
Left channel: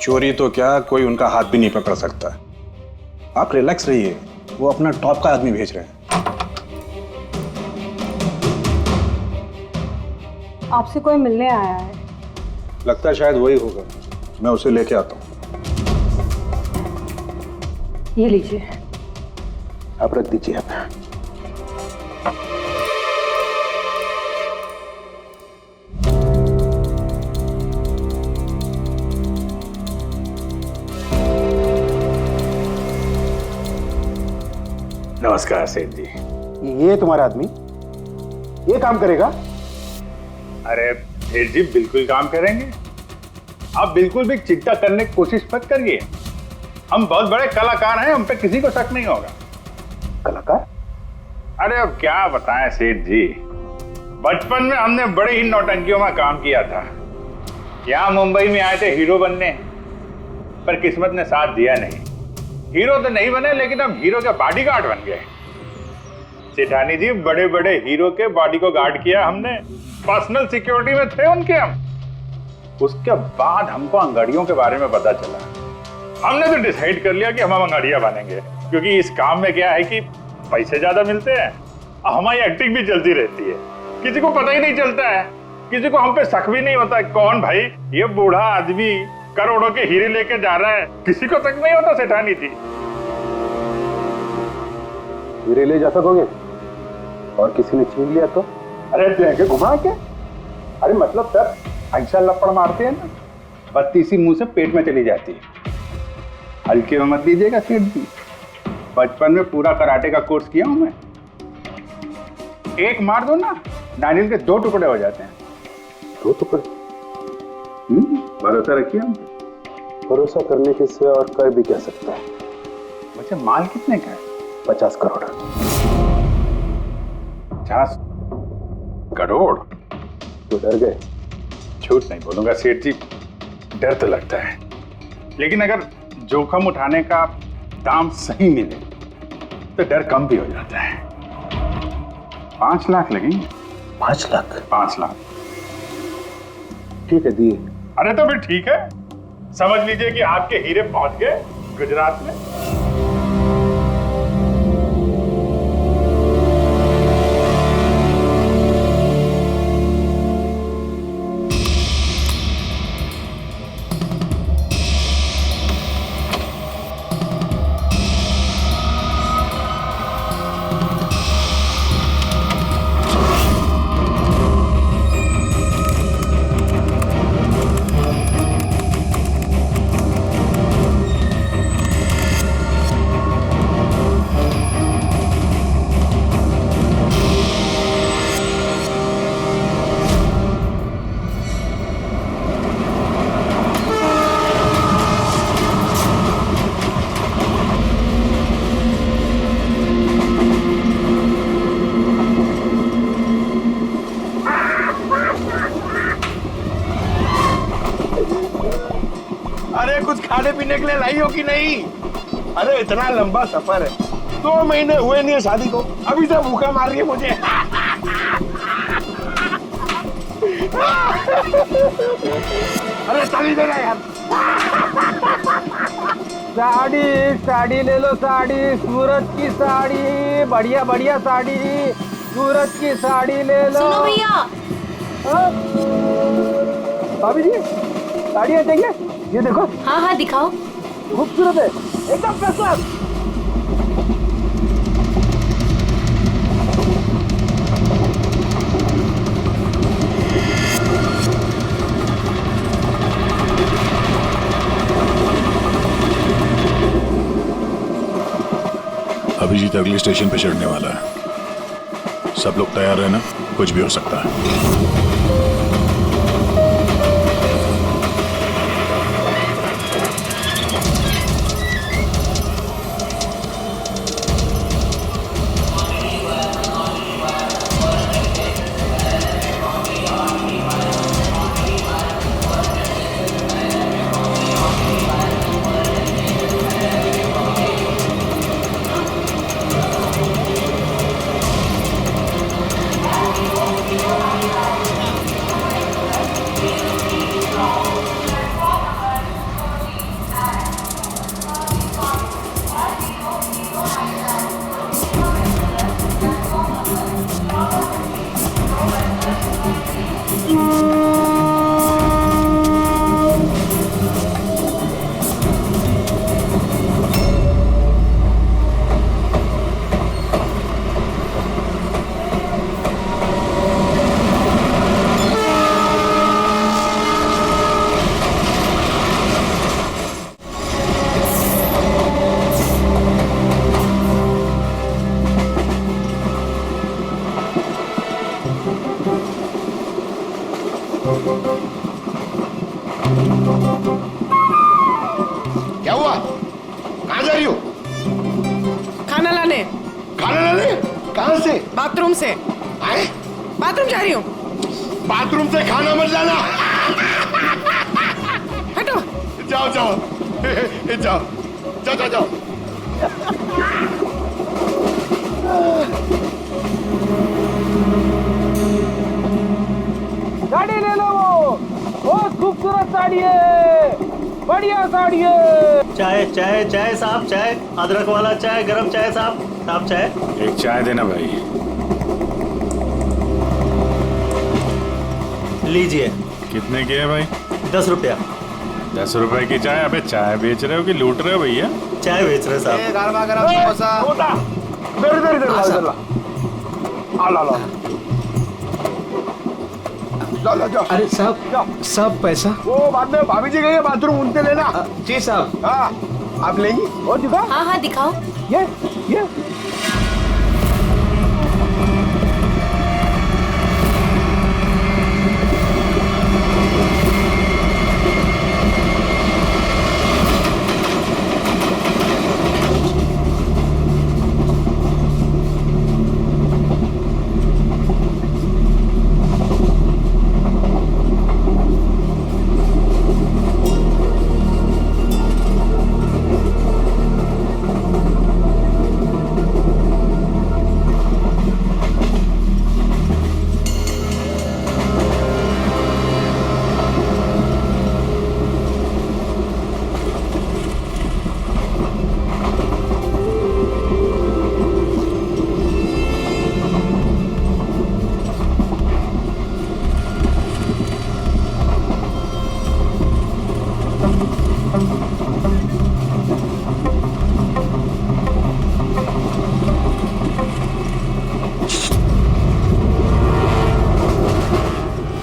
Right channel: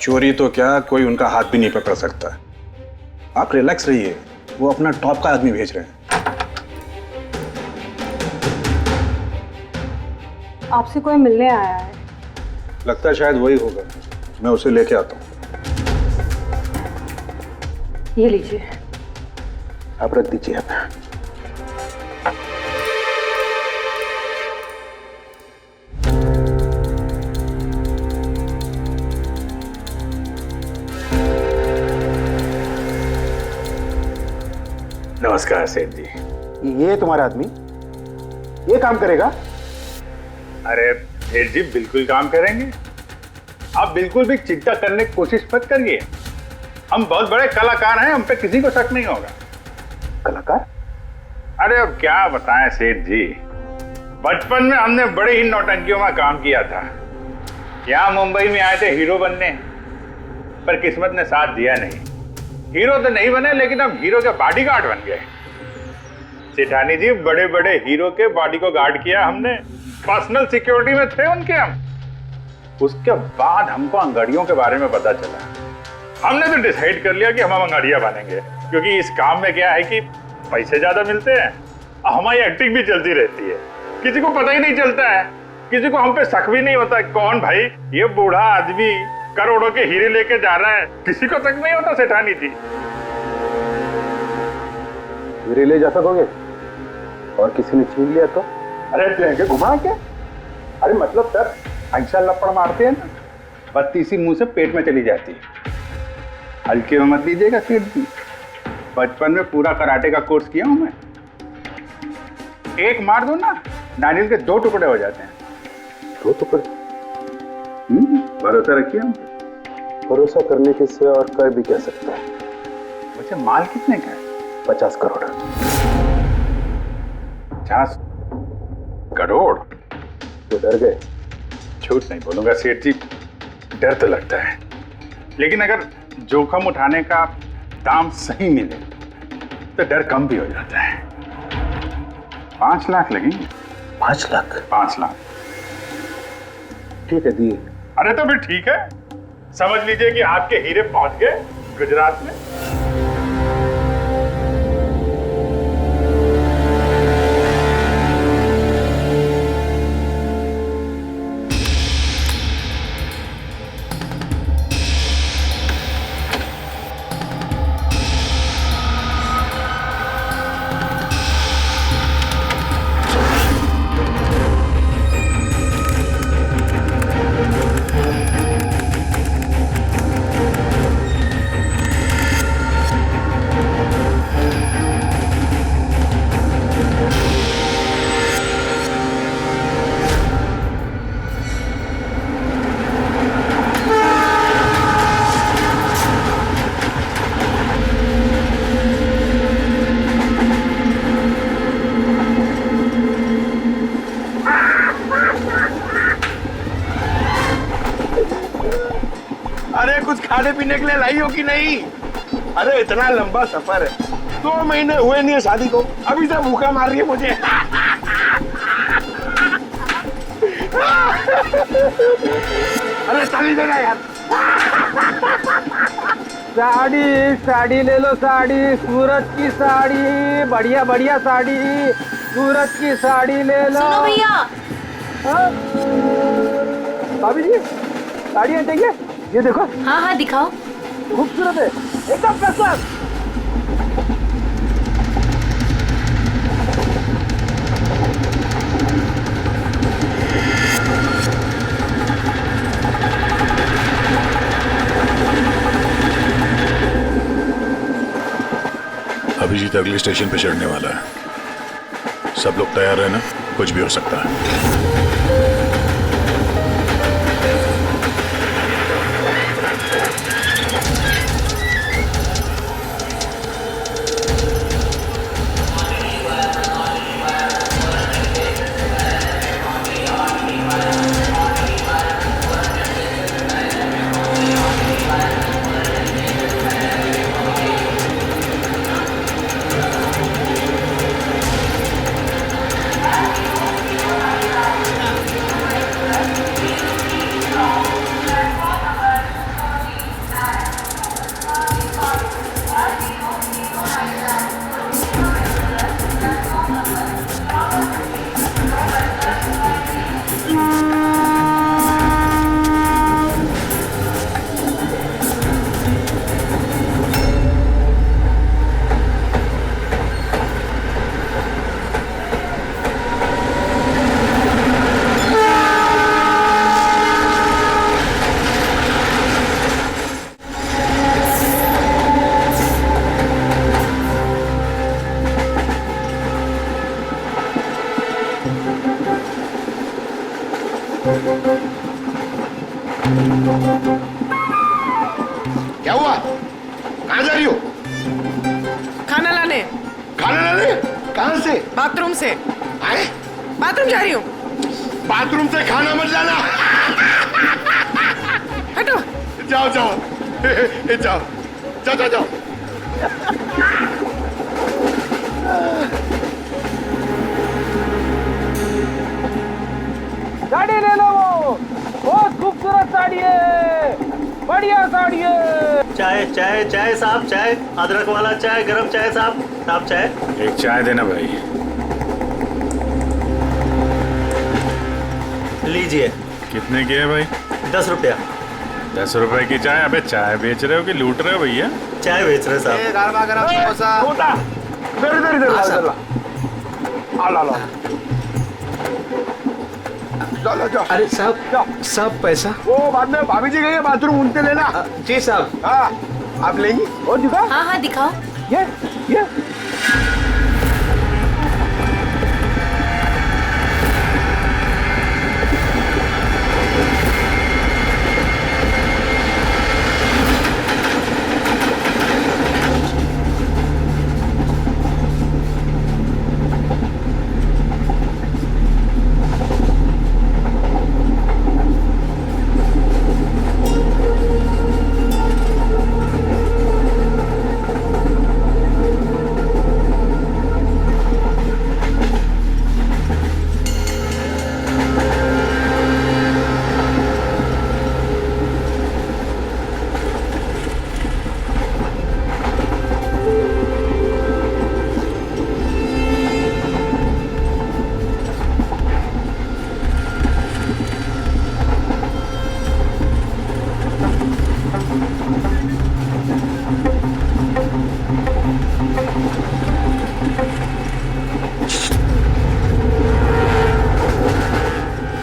चोरी तो क्या, कोई उनका हाथ भी नहीं पकड़ सकता। आप रिलैक्स रहिए, वो अपना टॉप का आदमी भेज रहे हैं। आपसे कोई मिलने आया है? लगता है शायद वही होगा, मैं उसे लेके आता हूँ। ये लीजिए। आप रख दीजिए। आप नमस्कार सेठ जी। ये तुम्हारा आदमी ये काम करेगा? अरे सेठ जी बिल्कुल काम करेंगे, आप बिल्कुल भी चिंता करने की कोशिश मत करिए। हम बहुत बड़े कलाकार हैं, हम पे किसी को शक नहीं होगा। कलाकार? अरे अब क्या बताएं सेठ जी, बचपन में हमने बड़े ही नौटंकियों में काम किया था। यहाँ मुंबई में आए थे हीरो बनने, पर किस्मत ने साथ दिया नहीं। हीरो तो नहीं बने, लेकिन अब हीरो के बॉडीगार्ड बन गए। सेठानी जी, बड़े बड़े हीरो के बॉडी को गार्ड किया हमने, पर्सनल सिक्योरिटी में थे उनके हम। उसके बाद हमको अंगड़ियों के बारे में पता चला, हमने तो डिसाइड कर लिया कि हम अंगड़िया बनेंगे, क्योंकि इस काम में क्या है कि पैसे ज्यादा मिलते हैं और हमारी एक्टिंग भी चलती रहती है। किसी को पता ही नहीं चलता है, किसी को हम पे शक भी नहीं होता। कौन भाई ये बूढ़ा आदमी करोड़ों के हीरे लेके जा रहा है, किसी को शक नहीं होता सेठानी थी। हीरे ले जा सकोगे? और किसी ने छीन लिया तो? अरे देंगे घुमा के। अरे मतलब सर ऐसा लपड़ मारते हैं ना, बत्ती इसी मुंह से पेट में चली जाती है। हल्के में मत लीजिएगा सेठ जी, बचपन में पूरा कराटे का कोर्स किया हूं मैं। एक मार दो ना, नारियल के 2 टुकड़े हो जाते हैं। 2 टुकड़े? भरोसा रखिए हम पे। भरोसा करने के सिवा और कर भी क्या सकता है? वैसे माल कितने का है? 50 करोड़। 50 करोड़? तो डर गए? झूठ नहीं बोलूंगा सेठ जी, डर तो लगता है, लेकिन अगर जोखिम उठाने का दाम सही मिले तो डर कम भी हो जाता है। 5 लाख लगेंगे। 5 लाख? 5 लाख। ठीक है, दिए। अरे तो फिर ठीक है, समझ लीजिए कि आपके हीरे पहुंच गए गुजरात में। अरे कुछ खाने पीने के लिए लाई हो कि नहीं? अरे इतना लंबा सफर है, 2 महीने हुए नहीं है शादी को, अभी से भूखा मार रही है मुझे। अरे साड़ी देना यार। साड़ी ले लो, साड़ी, सूरज की साड़ी, बढ़िया बढ़िया साड़ी, सूरज की साड़ी ले लो। सुनो भैया। हाँ? भाभी जी, साड़ियाँ चाहिए? ये देखो। हाँ हाँ दिखाओ। खूबसूरत है, एकदम फर्स्ट क्लास। अभिजीत अगले स्टेशन पे चढ़ने वाला है, सब लोग तैयार रहना, कुछ भी हो सकता है। क्या हुआ? कहाँ जा रही हो? खाना लाने। खाना लाने? कहाँ से? बाथरूम से। आए? बाथरूम जा रही हूँ। बाथरूम से खाना मत लाना। हटो। जाओ जाओ जाओ जाओ जाओ जाओ। साड़ी ले लो, वो बहुत खूबसूरत साड़ी है, बढ़िया साड़ी है। चाय चाय चाय साहब, चाय, अदरक वाला चाय, गरम चाय साहब। साहब चाय। एक चाय देना भाई। लीजिए। कितने की है भाई? 10 रुपया। 10 रुपए की चाय? अबे चाय बेच रहे हो कि लूट रहे हो भैया? चाय बेच रहे साहब। गरमा गरम समोसा। ला ला ला ला जाओ। अरे साहब पैसा वो बाद में भाभी जी गई है बाथरूम उनसे लेना। जी साहब। हाँ आप लेंगी और दिखाओ। हाँ हाँ दिखाओ। ये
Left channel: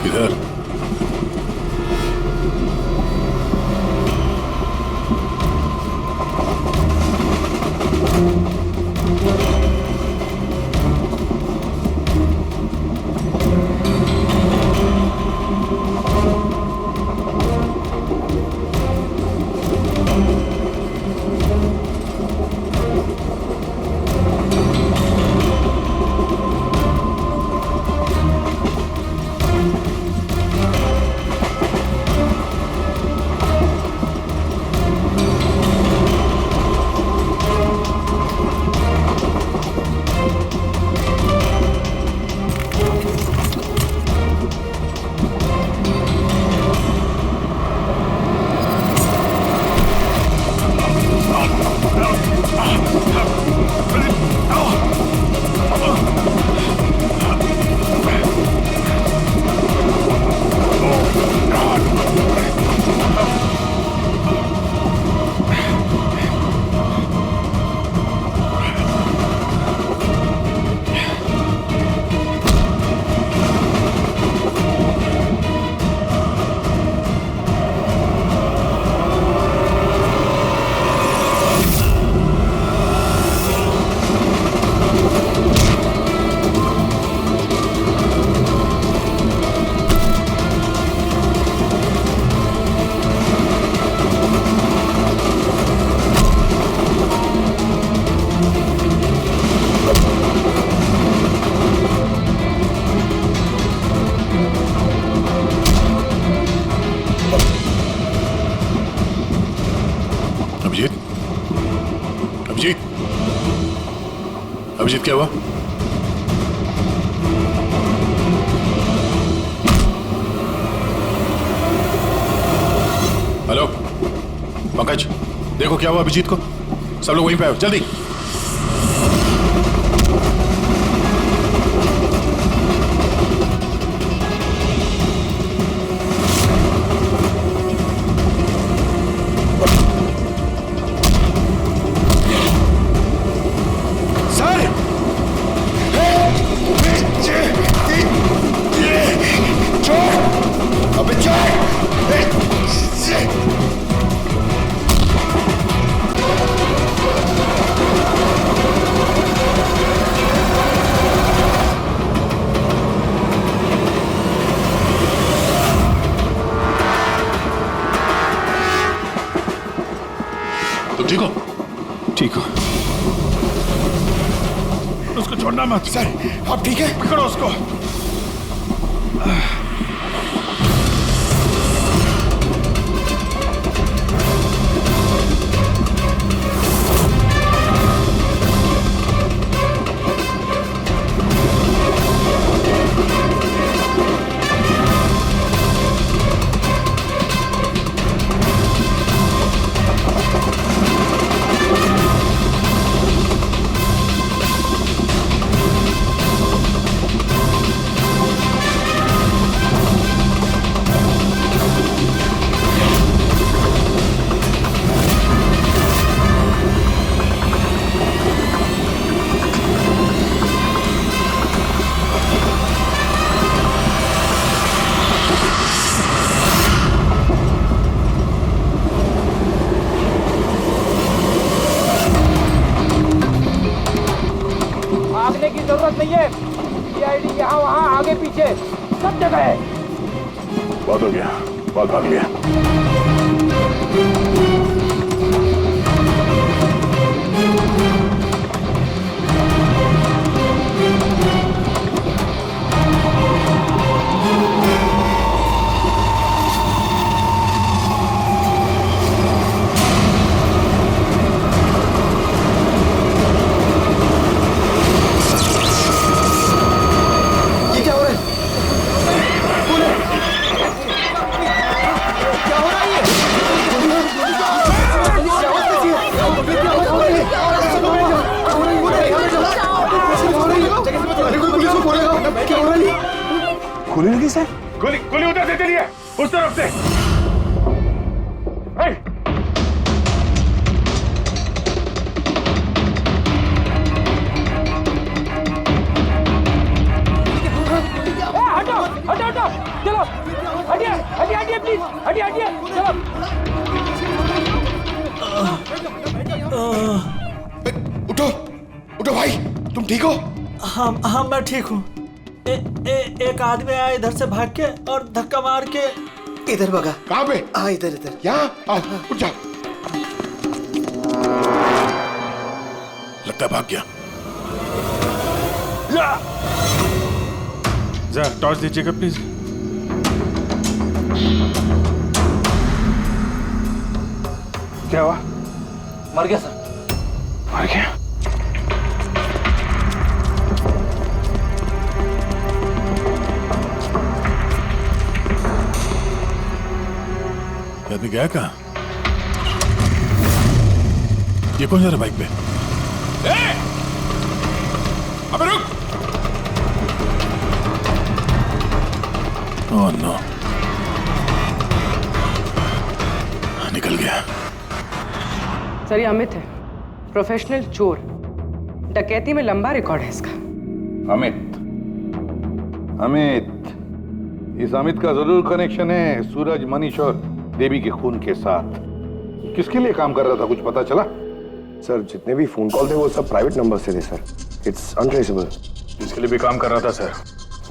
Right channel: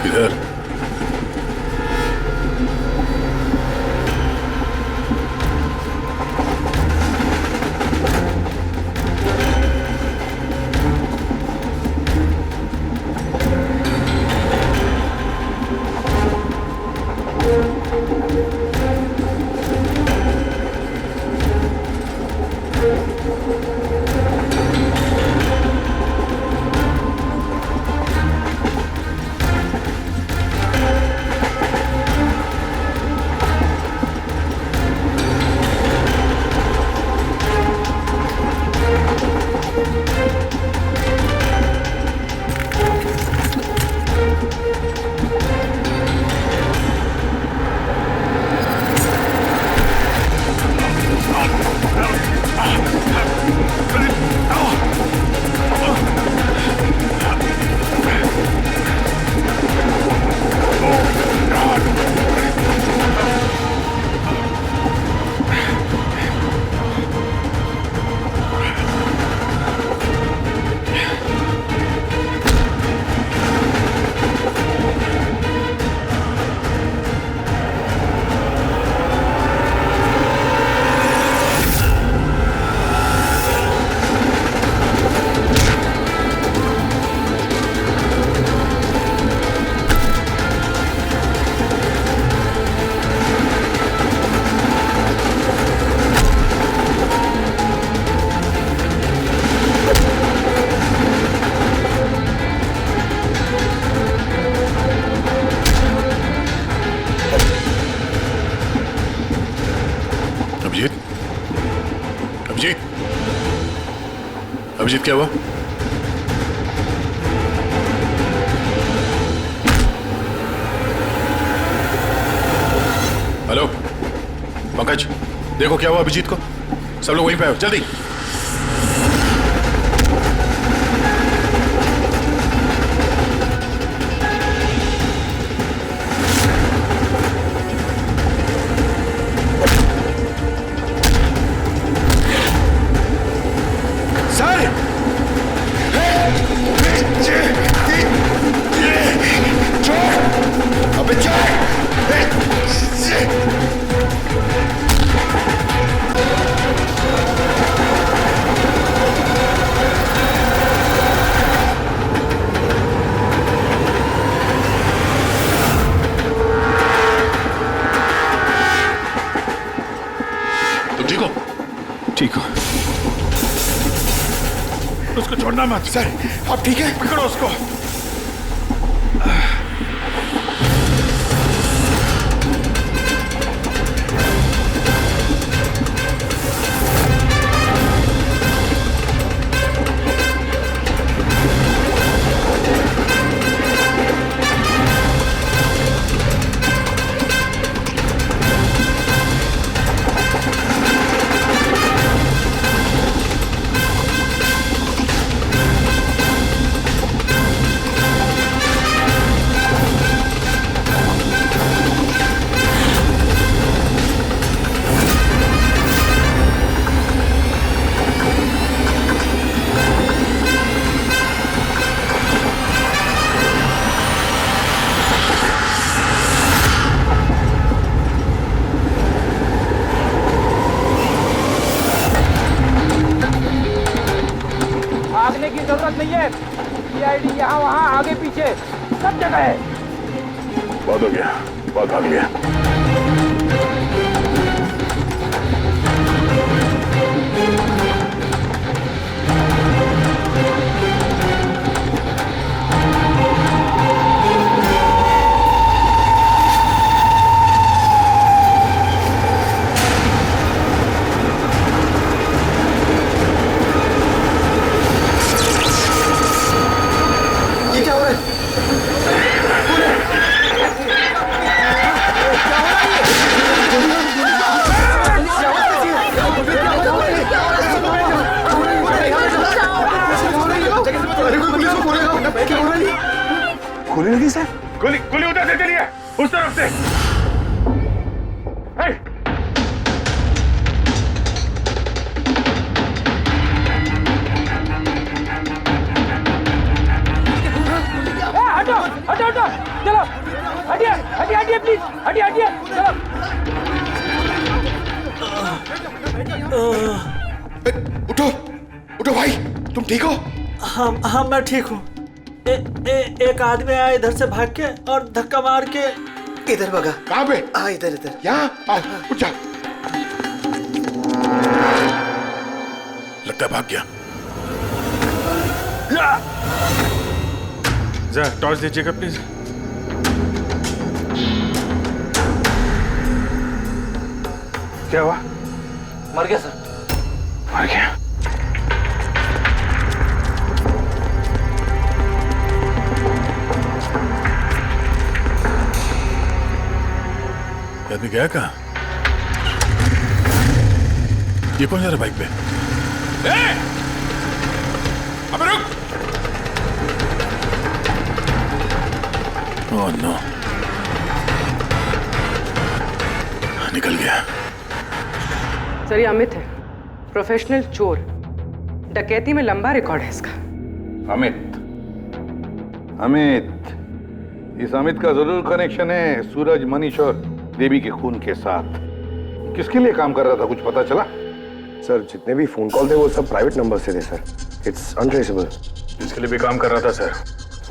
किधर? अभिजीत क्या हुआ? हेलो पंकज, देखो क्या हुआ अभिजीत को। सब लोग वहीं पे आओ जल्दी। ठीक हो? ठीक हो। उसको छोड़ना मत। सर आप ठीक है? पकड़ो उसको। नहीं है। सीआईडी यहाँ वहाँ आगे पीछे सब जगह है। बहुत हो गया, बहुत भाग लिया। ये क्या हो रहा है? क्या हो रहा है ये? गोली लगी सर? गोली गोली उधर से चलिए, उस तरफ से। हे! हटो हटो हटो, चलो हटिए हटिए हटिए प्लीज, हटिए हटिए चलो। उठो उठो भाई, तुम ठीक हो? हाँ मैं ठीक हूँ। एक आदमी आया इधर से भाग के और धक्का मार के इधर भगा। कहाँ पे? हाँ इधर इधर। यहाँ आओ, उठ जा। लगता है भाग गया। जा टॉर्च दीजिएगा प्लीज। क्या हुआ? मर गया सर। मर गया? ये आदमी गया कहाँ? ये कौन जा रहा है बाइक पे? अबे रुक! ओह नो, निकल गया। सर ये अमित है, प्रोफेशनल चोर। डकैती में लंबा रिकॉर्ड है इसका। अमित, अमित, इस अमित का जरूर कनेक्शन है सूरज, मनीष और देवी के खून के साथ। किसके लिए काम कर रहा था, कुछ पता चला? सर जितने भी फोन कॉल थे वो सब प्राइवेट नंबर से थे सर। It's untraceable. जिसके लिए भी काम कर रहा था सर,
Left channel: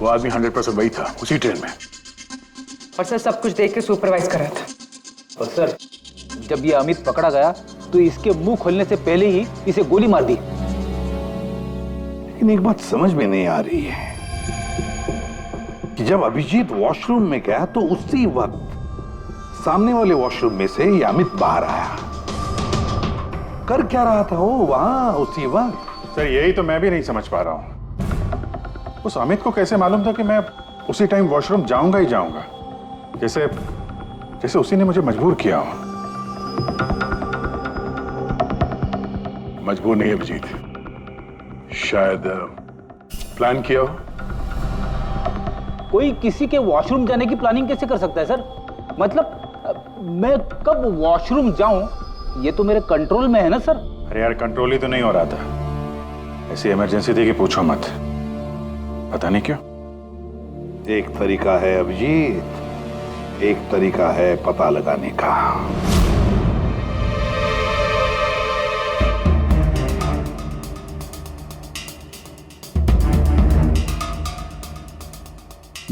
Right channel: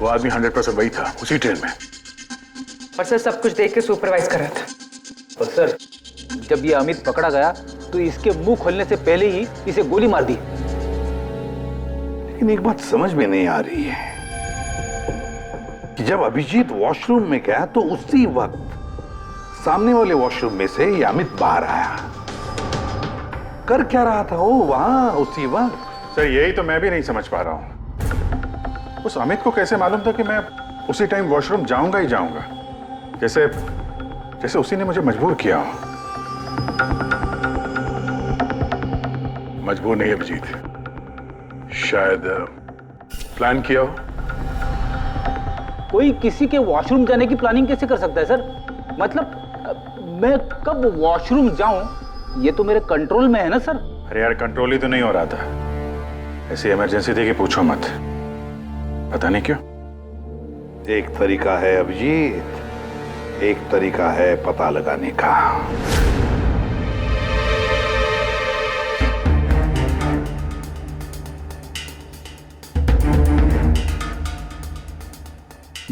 वो आदमी 100% वही था, उसी ट्रेन में। और सर सब कुछ देख के सुपरवाइज कर रहा था। और सर जब ये अमित पकड़ा गया तो इसके मुंह खोलने से पहले ही इसे गोली मार दी। लेकिन एक बात समझ में नहीं आ रही है कि जब अभिजीत वॉशरूम में गया तो उसी वक्त सामने वाले वॉशरूम में से ये अमित बाहर आया। कर क्या रहा था वो वहां उसी वक्त? सर यही तो मैं भी नहीं समझ पा रहा हूं। उस अमित को कैसे मालूम था कि मैं उसी टाइम वॉशरूम जाऊंगा ही जाऊंगा, जैसे जैसे उसी ने मुझे मजबूर किया हो। मजबूर नहीं अभिजीत, शायद प्लान किया हो। कोई किसी के वॉशरूम जाने की प्लानिंग कैसे कर सकता है सर? मतलब मैं कब वॉशरूम जाऊं ये तो मेरे कंट्रोल में है ना सर। अरे यार कंट्रोल ही तो नहीं हो रहा था, ऐसी इमरजेंसी थी कि पूछो मत। पता नहीं क्यों। एक तरीका है अभिजीत, एक तरीका है पता लगाने का।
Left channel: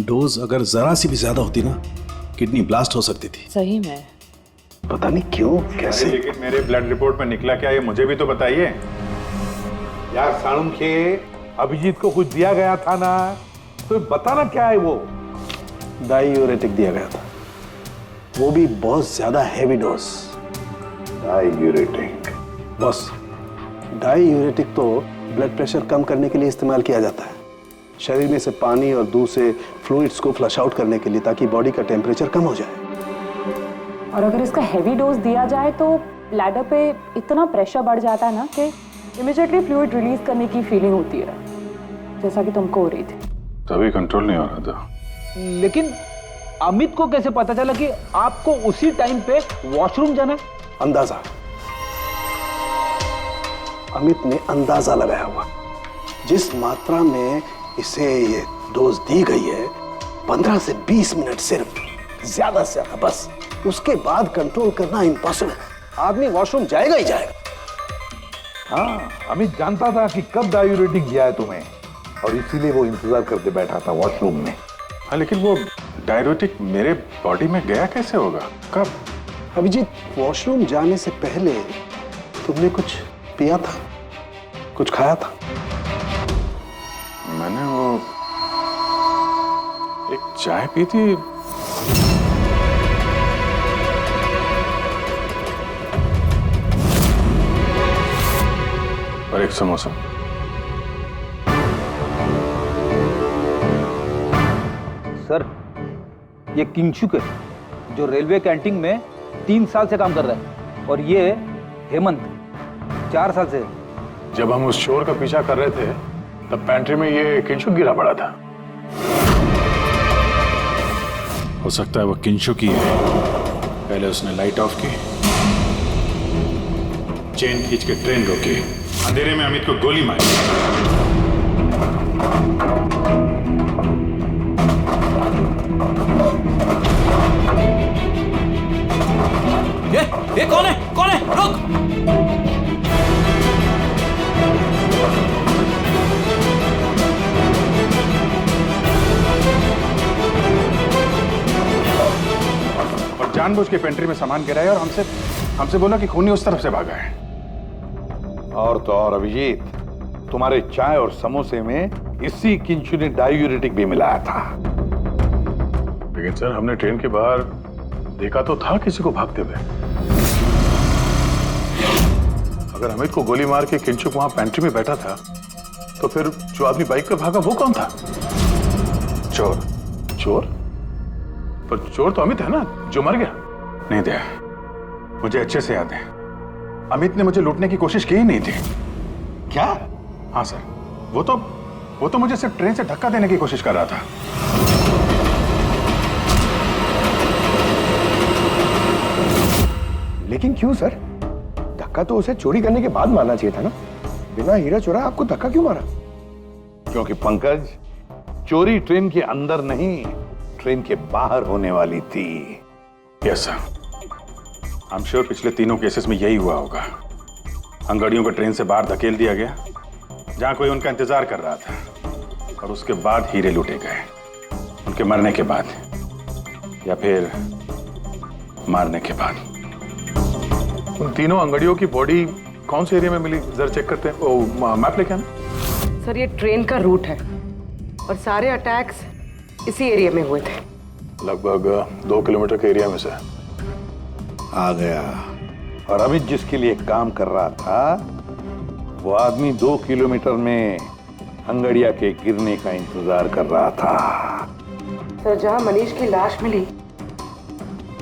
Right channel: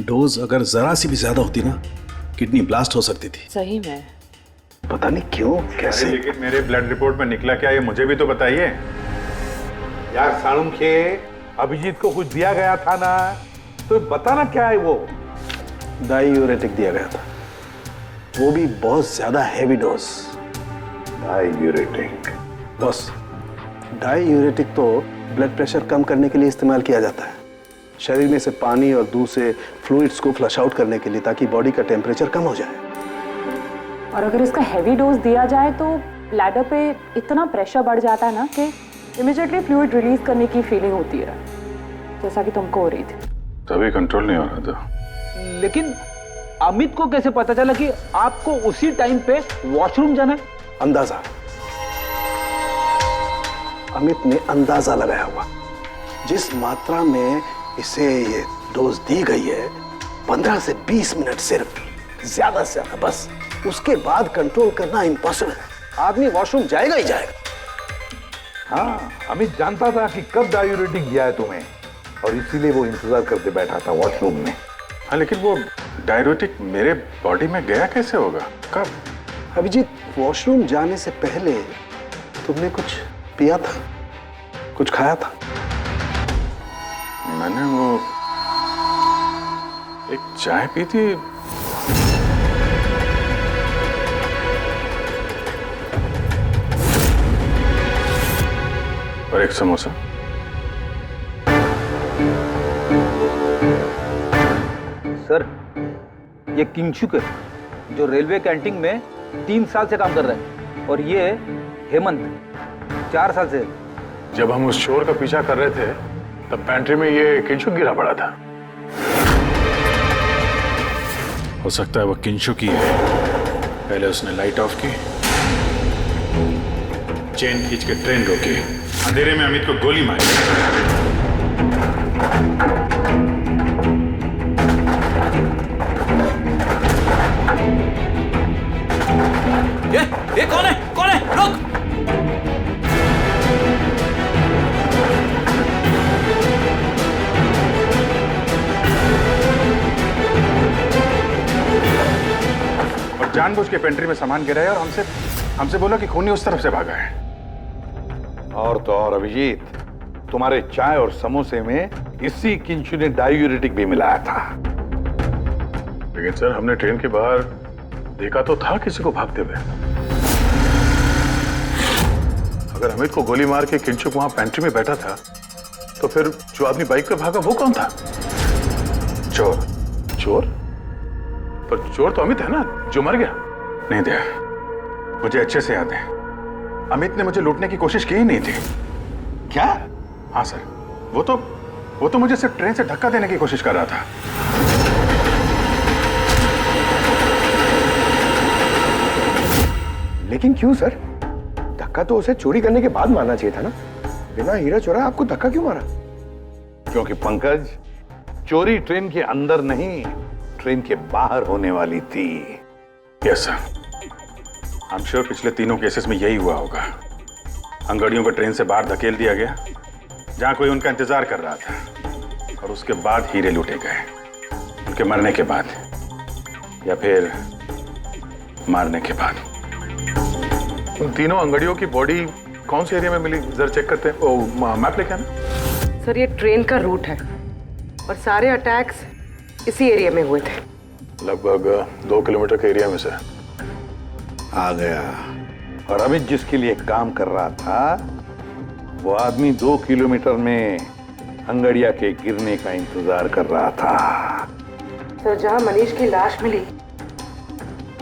डोज अगर जरा सी भी ज्यादा होती ना, किडनी ब्लास्ट हो सकती थी। सही में पता नहीं क्यों, कैसे। लेकिन मेरे ब्लड रिपोर्ट में निकला क्या, ये मुझे भी तो बताइए। यार साणुखे, अभिजीत को कुछ दिया गया था ना, तो बताना क्या है वो? डायूरेटिक दिया गया था, वो भी बहुत ज्यादा heavy dose. Diuretic? Boss, diuretic तो ब्लड प्रेशर कम करने के लिए इस्तेमाल किया जाता है, शरीर में से पानी और दूध से फ्लूइड्स को फ्लश आउट करने के लिए, ताकि बॉडी का टेम्परेचर कम हो जाए। और अगर इसका हैवी डोज दिया जाए तो ब्लैडर पे इतना प्रेशर बढ़ जाता है ना कि इमीडिएटली फ्लूइड रिलीज करने की फीलिंग होती है, जैसा कि तुमको हो रही थी। तभी कंट्रोल नहीं हो रहा था। लेकिन अमित को कैसे पता चला कि आपको उसी टाइम पे वॉशरूम जाना है? अंदाजा, अमित ने अंदाजा लगाया हुआ। जिस मात्रा में इसे ये डोज दी गई है, 15 से 20 मिनट सिर्फ, ज्यादा से ज्यादा, बस उसके बाद कंट्रोल करना इम्पॉसिबल है। आदमी वॉशरूम जाएगा ही जाएगा। हाँ, अमित जानता था कि कब डायूरेटिक दिया है तुम्हें, और इसीलिए वो इंतजार करते बैठा था वॉशरूम में। हाँ, लेकिन वो डायरेटिक मेरे बॉडी में गया कैसे होगा? कब? अभिजीत, वॉशरूम जाने से पहले तुमने कुछ पिया था, कुछ खाया था? मैंने वो एक चाय पी थी। और एक समोसा। सर, ये किंचुक है जो रेलवे कैंटीन में 3 साल से काम कर रहा है, और ये हेमंत 4 साल से। जब हम उस चोर का पीछा कर रहे थे तब पैंट्री में ये किंचुक गिरा पड़ा था। हो सकता है वो किंचुक ही है। पहले उसने लाइट ऑफ की, चेन खींच के ट्रेन रोकी, अंधेरे में अमित को गोली मारी। ये कौन है? कौन है? रुक! और जानबूझ के पेंट्री में सामान गिराया और हमसे बोला कि खूनी उस तरफ से भागा है। और तो और अभिजीत, तुम्हारे चाय और समोसे में इसी किंचु ने डायूरेटिक भी मिलाया था। लेकिन सर, हमने ट्रेन के बाहर देखा तो था किसी को भागते हुए। अगर अमित को गोली मार के किंचुक वहां पेंट्री में बैठा था तो फिर जो आदमी बाइक पे भागा वो कौन था? चोर। चोर? पर चोर तो अमित है ना, जो मर गया। नहीं दया, मुझे अच्छे से याद है, अमित ने मुझे लूटने की कोशिश की ही नहीं थी। क्या? हाँ सर, वो तो मुझे सिर्फ ट्रेन से धक्का देने की कोशिश कर रहा था। लेकिन क्यों सर? धक्का तो उसे चोरी करने के बाद मारना चाहिए था ना। बिना हीरा चोरा आपको धक्का क्यों मारा? क्योंकि पंकज, चोरी ट्रेन के अंदर नहीं, ट्रेन के बाहर होने वाली थी। Yes sir, I am sure पिछले तीनों केसेस में यही हुआ होगा। अंगड़ियों को ट्रेन से बाहर धकेल दिया गया जहां कोई उनका इंतजार कर रहा था, और उसके बाद हीरे लूटे गए, उनके मरने के बाद या फिर मारने के बाद। उन तीनों अंगड़ियों की बॉडी कौन से एरिया में मिली, जरा चेक करते हैं। ओ, मैप लेके आना। सर, ये ट्रेन का रूट है और सारे अटैक्स इसी एरिया में हुए थे। लगभग 2 किलोमीटर के एरिया में से आ गया। और अमित जिसके लिए काम कर रहा था वो आदमी 2 किलोमीटर में अंगड़िया के गिरने का इंतजार कर रहा था। सर, जहां मनीष की लाश मिली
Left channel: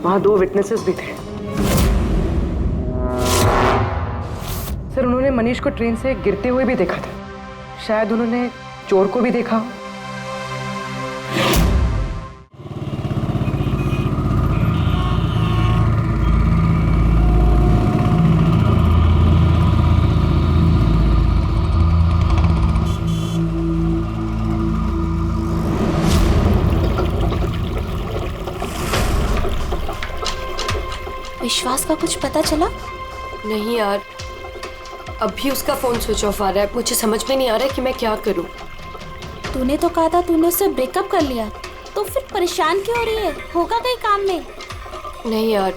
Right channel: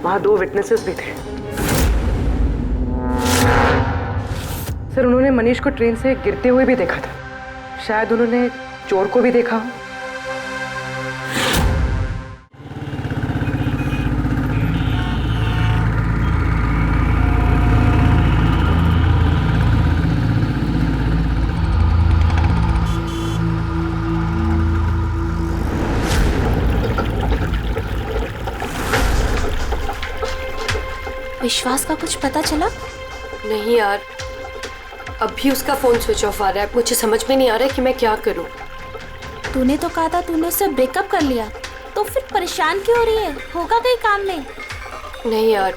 वहां 2 विटनेसेस भी थे। सर, उन्होंने मनीष को ट्रेन से गिरते हुए भी देखा था। शायद उन्होंने चोर को भी देखा हो। विश्वास का कुछ पता चला? नहीं यार, अभी उसका फोन स्विच ऑफ आ रहा है। मुझे समझ में नहीं आ रहा है कि मैं क्या करूं। तूने तो कहा था तूने उससे ब्रेकअप कर लिया, तो फिर परेशान क्यों हो रही है? होगा कहीं काम में? नहीं यार,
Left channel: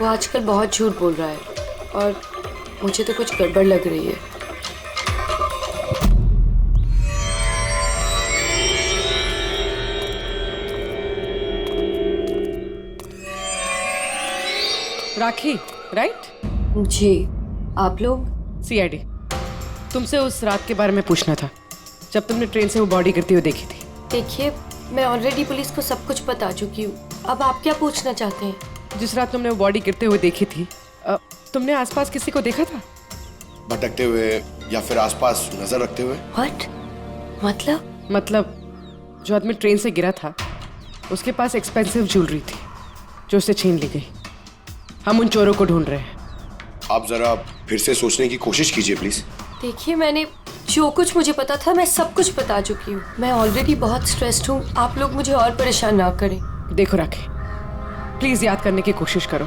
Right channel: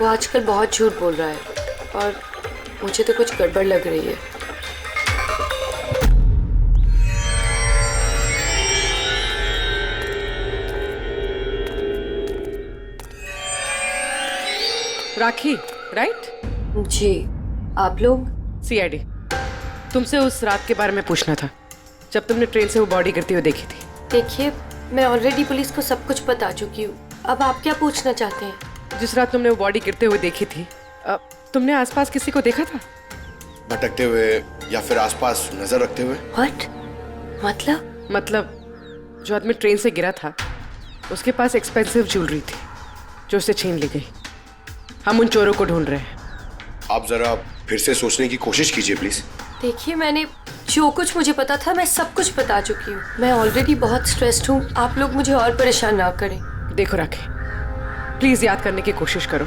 वो आजकल बहुत झूठ बोल रहा है और मुझे तो कुछ गड़बड़ लग रही है। राखी, राइट? जी। आप लोग? सीआईडी। तुमसे उस रात के बारे में पूछना था जब तुमने ट्रेन से वो बॉडी गिरती हुई देखी थी। देखिए, मैं ऑलरेडी पुलिस को सब कुछ बता चुकी हूँ। अब आप क्या पूछना चाहते हैं? जिस रात तुमने वो बॉडी गिरते हुए देखी थी, तुमने आसपास किसी को देखा था? भटकते हुए या फिर आसपास नजर रखते हुए? What? मतलब जो आदमी ट्रेन से गिरा था उसके पास एक्सपेंसिव ज्वेलरी थी जो उससे छीन ली गई। हम उन चोरों को ढूंढ रहे हैं। आप जरा फिर से सोचने की कोशिश कीजिए प्लीज। देखिए, मैंने जो कुछ मुझे पता था मैं सब कुछ बता चुकी हूँ। मैं ऑलरेडी बहुत स्ट्रेस्ड हूँ। आप लोग मुझे और परेशान ना करें। देखो राखी, प्लीज याद करने की कोशिश करो।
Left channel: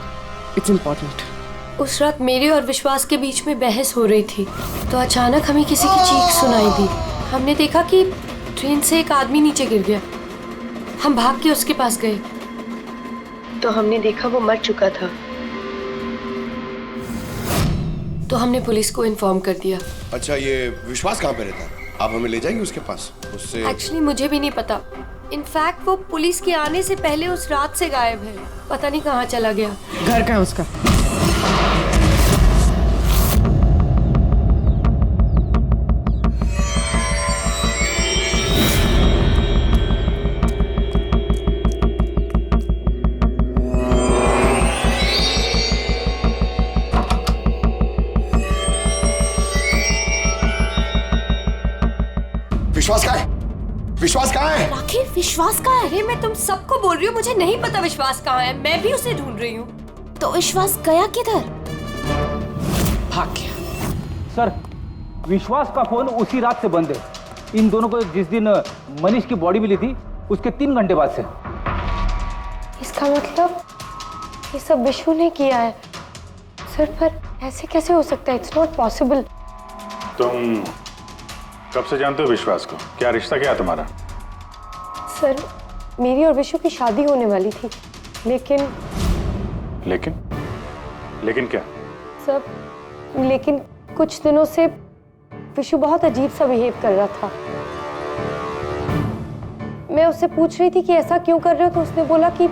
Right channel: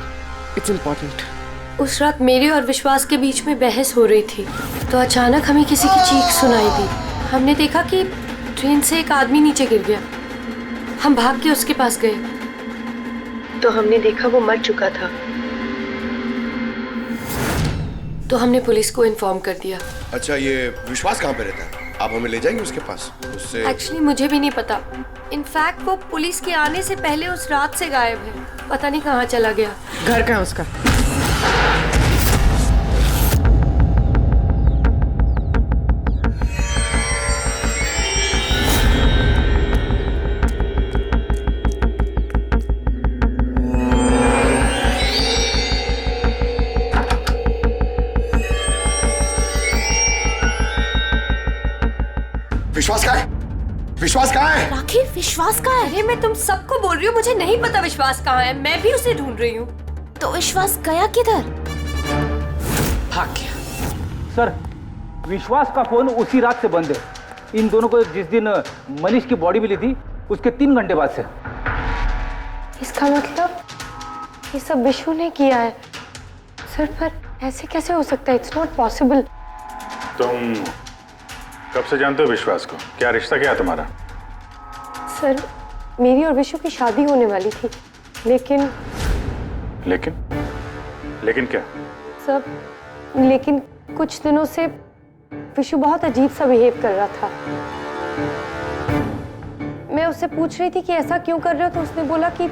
It's important. उस रात मेरे और विश्वास के बीच में बहस हो रही थी तो अचानक हमें किसी की चीख सुनाई दी। हमने देखा कि ट्रेन से एक आदमी नीचे गिर गया। हम भाग के उसके पास गए तो हमने देखा वो मर चुका था। तो हमने पुलिस को इन्फॉर्म कर दिया। अच्छा, ये विश्वास कहाँ पे रहता है? आप हमें ले जाएंगे उसके पास? उससे एक्चुअली मुझे भी नहीं पता। इनफैक्ट वो पुलिस के आने से पहले उस रात से गायब है। पता नहीं कहाँ चला गया। घर कहाँ है उसका? विश्वास कहाँ है? विश्वास कहाँ है? राखी, विश्वास कहाँ है? अरे मैं तुम सबको बोल रही हूँ, मुझे नहीं पता विश्वास कहाँ है। मैं भी उसे ढूंढ रही हूँ। तो विश्वास गया किधर? भाग गया। सर, विश्वास का फोन उसी रात से बंद है। इन दोनों को जिस दिन मनीष की बॉडी मिली थी उसके 3 घंटे बाद से। इसका मतलब ये सब विशु ने किया है। सर, पर ऐसे कैसे हो सकता है? It's not possible. तुम कब से जानते हो विश्वास को? क्या रिश्ता क्या है तुम्हारा? सर, मेरी और विशु की शादी होने वाली थी, लेकिन क्या? सब लेकिन कुछ दिनों से विशु बहुत अजीब सा बिहेव कर रहा था। मैं उससे पूछ रही थी कि ऐसा क्यों कर रहे हो, तो उसने बोला कि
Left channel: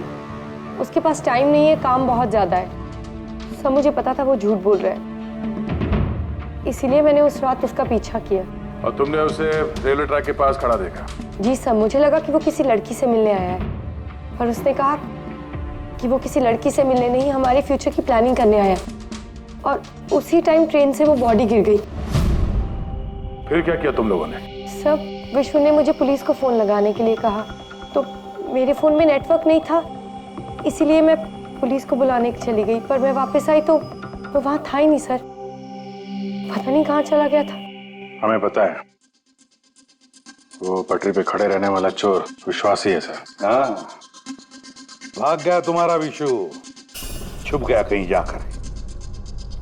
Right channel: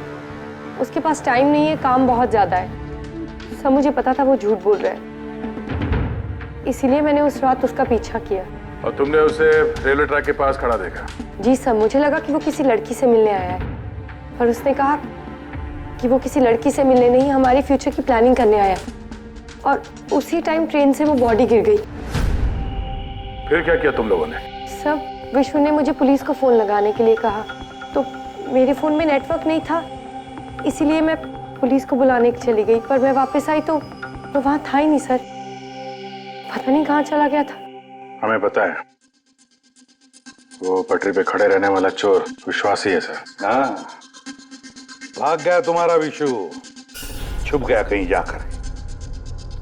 उसके पास टाइम नहीं है, काम बहुत ज्यादा है। सब मुझे पता था वो झूठ बोल रहा है, इसीलिए मैंने उस रात उसका पीछा किया। और तुमने उसे रेलवे ट्रैक के पास खड़ा देखा? जी सर, मुझे लगा कि वो किसी लड़की से मिलने आया है, पर उसने कहा कि वो किसी लड़की से मिलने नहीं, हमारे फ्यूचर की प्लानिंग करने आया है। और उसी टाइम ट्रेन से वो बॉडी गिर गई। फिर क्या किया तुम लोगों ने? सब विशु ने मुझे पुलिस को फोन लगाने के लिए कहा, तो मेरे फोन में नेटवर्क नहीं था, इसीलिए मैं पुलिस को बुलाने चली गई। पर मैं वापस आई तो वो वहां था ही नहीं सर। पता नहीं कहाँ चला गया था। हमें पता है, वो पटरी पे खड़े रहने वाला चोर विश्वास ही है सर। हाँ, भाग गया तुम्हारा विशु, छुप गया कहीं जाकर,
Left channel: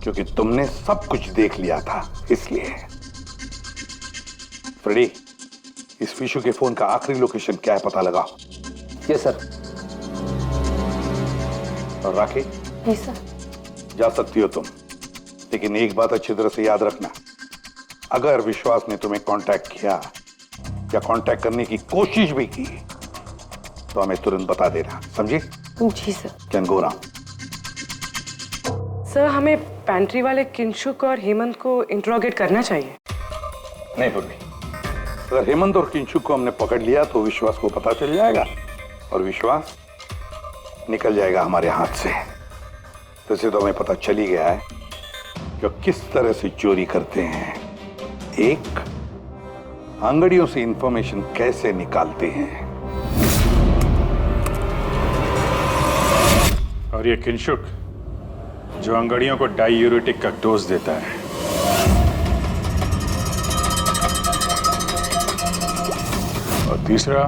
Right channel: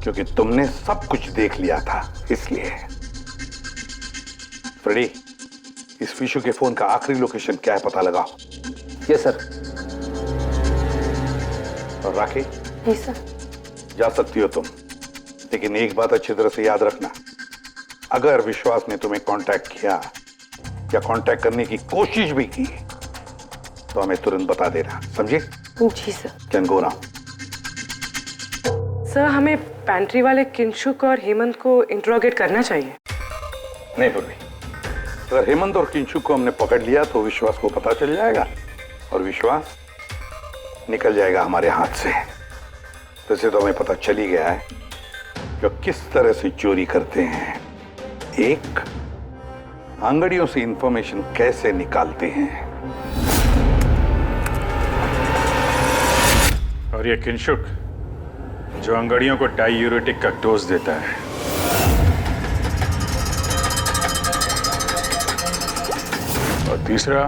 क्योंकि तुमने सब कुछ देख लिया था इसलिए। फ्रेडी, इस विशु के फोन का आखिरी लोकेशन क्या है पता लगाओ। Yes sir. और राखी? जी सर। जा सकती हो तुम, लेकिन एक बात अच्छी तरह से याद रखना, अगर विश्वास ने तुम्हें कांटेक्ट किया या कांटेक्ट करने की कोशिश भी की तो हमें तुरंत बता देना, समझे? जी sir. Can go now. Sir, हमें पैंट्री वाले किंशुक और हेमंत को इंट्रोगेट करना चाहिए। नहीं पूर्वी, अगर हेमंत और किंशुक को हमने पकड़ लिया तो विश्वास को पता चल जाएगा और विश्वास निकल जाएगा हमारे हाथ से। वैसे तो हमें पता चल ही गया है कि किस तरह से चोरी करते हैं, एक अंगड़ियों से इंफॉर्मेशन कैसे निकालते हैं। और ये किंशुक जो अंगड़ियों को डायूरेटिक का डोज देता है। और तीसरा,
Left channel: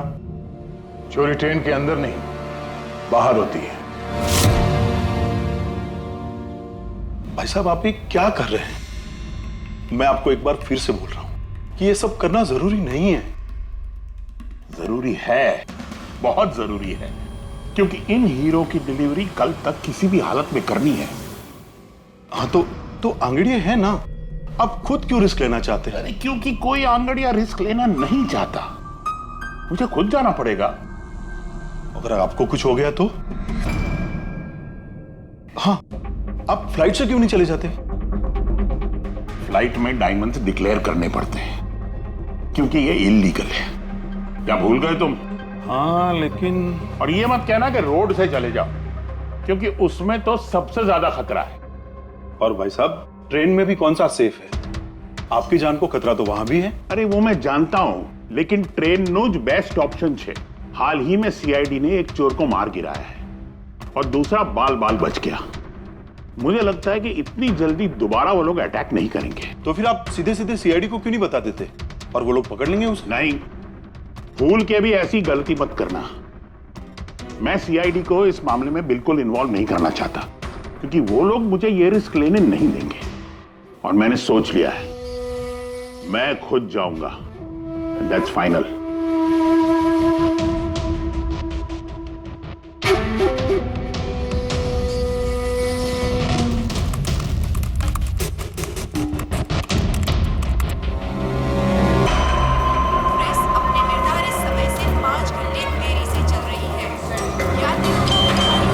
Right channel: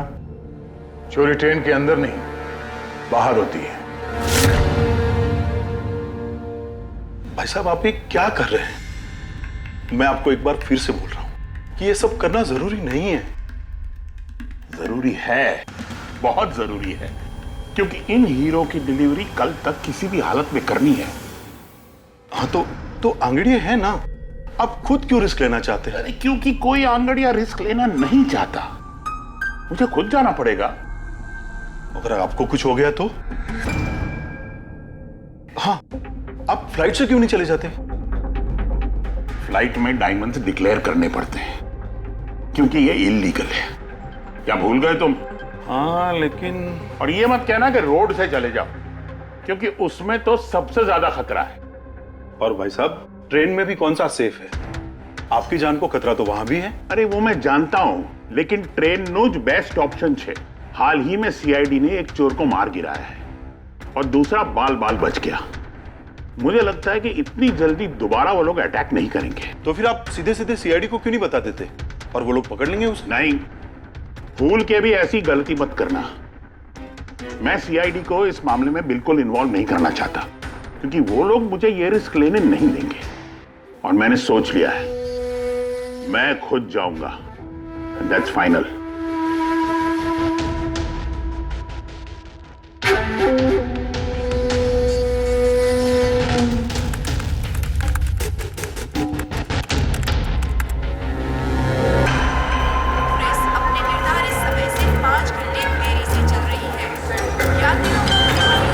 चोरी ट्रेन के अंदर नहीं बाहर होती है। भाई साहब, आप ये क्या कर रहे हैं? मैं आपको एक बार फिर से बोल रहा हूं कि ये सब करना जरूरी नहीं है। जरूरी है, बहुत जरूरी है, क्योंकि इन हीरो की डिलीवरी कल तक किसी भी हालत में करनी है। हाँ, तो आंगड़िया है ना, आप खुद क्यों रिस्क लेना चाहते हैं? अरे क्योंकि कोई आंगड़िया रिस्क लेना नहीं चाहता, मुझे खुद जाना पड़ेगा। अगर आपको कुछ हो गया तो? हाँ, आप फ्लाइट से क्यों नहीं चले जाते? फ्लाइट में डायमंड्स डिक्लेयर करने पड़ते हैं, क्योंकि ये इलीगल है। क्या भूल गए तुम? हाँ, लेकिन और ये मत कहना कि रोड से चले जाओ, क्योंकि उसमें तो सबसे ज्यादा खतरा है। और भाई साहब, ट्रेन में भी कौन सा सेफ है? आपकी जान को खतरा तो वहां भी है। अरे वो मैं जानता हूं, लेकिन ट्रेन नो बेस्ट ऑप्शन है। हाल ही में सीआईडी ने एक चोर को मार गिराया है और दूसरा बाल बाल बच गया। मुझे लगता है कि इतनी जल्दी दोबारा वो लोग अटैक नहीं करेंगे। तो फिर आप सीधे सीधे सीआईडी को क्यों नहीं बता देते और वो लोग पकड़ लेंगे उसे? नहीं, भूल के भी ऐसी गलती मत करना। मैं सीआईडी को इस मामले में बिल्कुल इन्वॉल्व नहीं करना चाहता, क्योंकि वो लोग मुझे ये रिस्क लेने नहीं देंगे। और मैंने सोच लिया है, मैं खुद जाऊंगा दैट्स फाइनल। एक्सप्रेस अपने निर्धारित समय से 5 घंटे देरी से चल रही है। यात्रियों को होने वाली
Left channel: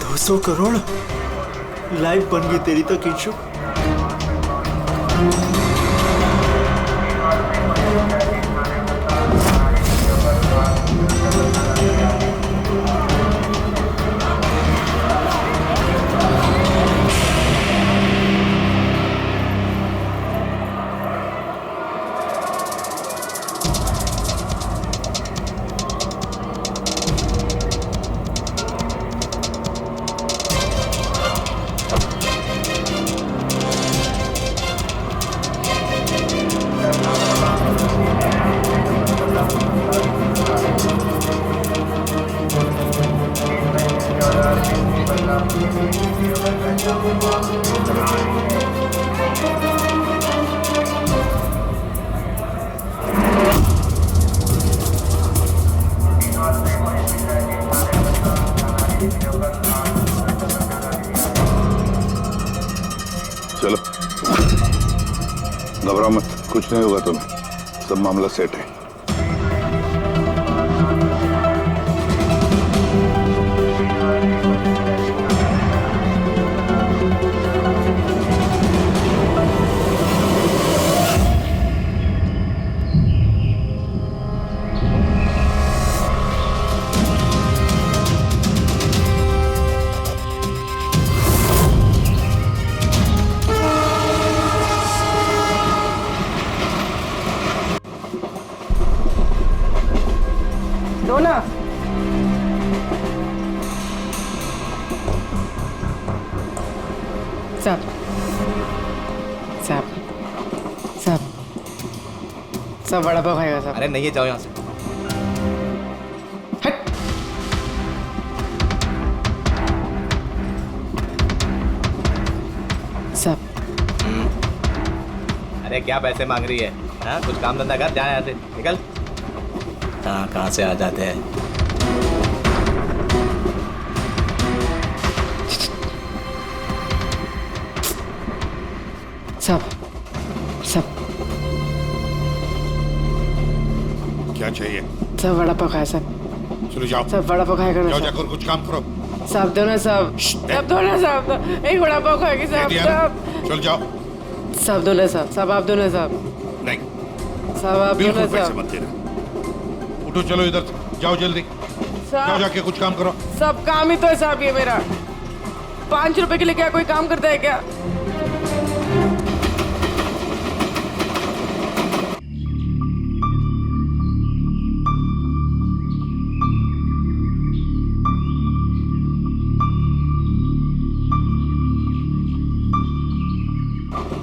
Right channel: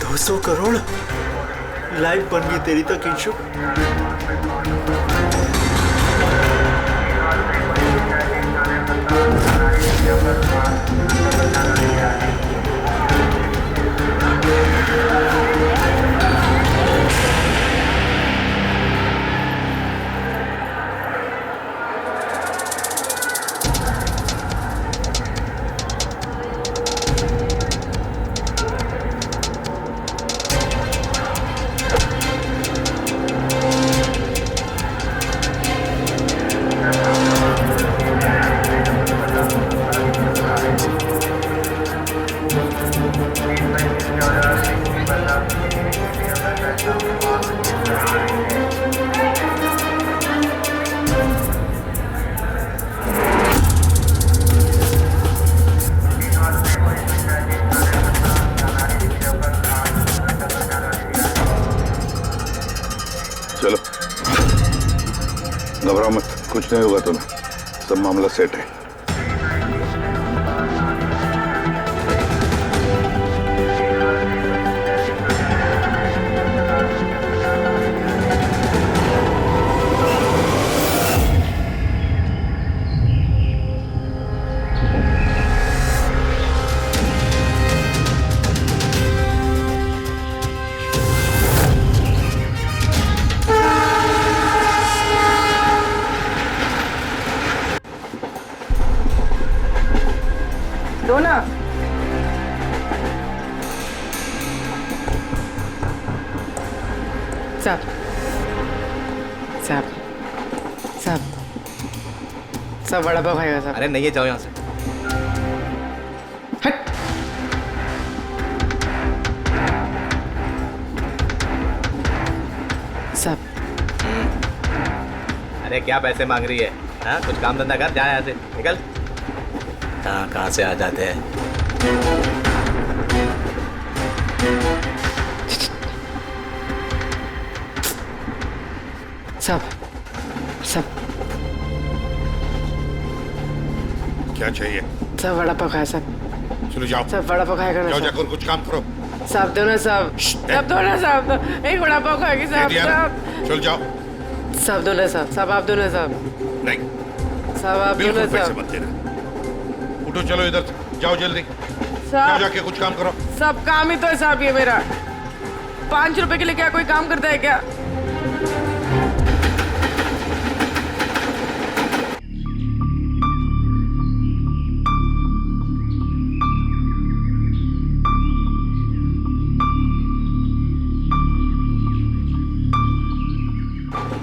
$200 करोड़ लाइव बन गई तेरी तो किंशु। चलो घबराओ मत, कुछ नहीं होगा तुम्हें, सब मामला सेट है। दो ना। साहब साहब साहब सब वड़ा पाव खाएगा साहब। अरे नहीं है, जाओ यहाँ से। साहब अरे क्या पैसे मांग रही है? हाँ, कुछ काम धंधा कर, जा यहाँ से, निकल। कहाँ से आ जाते हैं। साहब साहब क्या चाहिए? सब वड़ा पाव खाया साहब। चलो जाओ। सब वड़ा पाव खाएगा ना जाओ, साहब। जाकर कुछ काम करो। साहब दो ना साहब। साहब दो ना साहब, एक वड़ा पाव खाएगी साहब। साहब चल जाओ। साहब दो ना साहब। साहब आप दो ना साहब। नहीं साहब आप दो ना बिल्कुल पैसे साहब। मत देना। उठो चलो इधर से, जाओ जल्दी। जाओ साहब जाके कुछ काम करो। सब काम ही तो है साहब ये मेरा। 5 रुपए के लिए क्या कोई काम करता है क्या?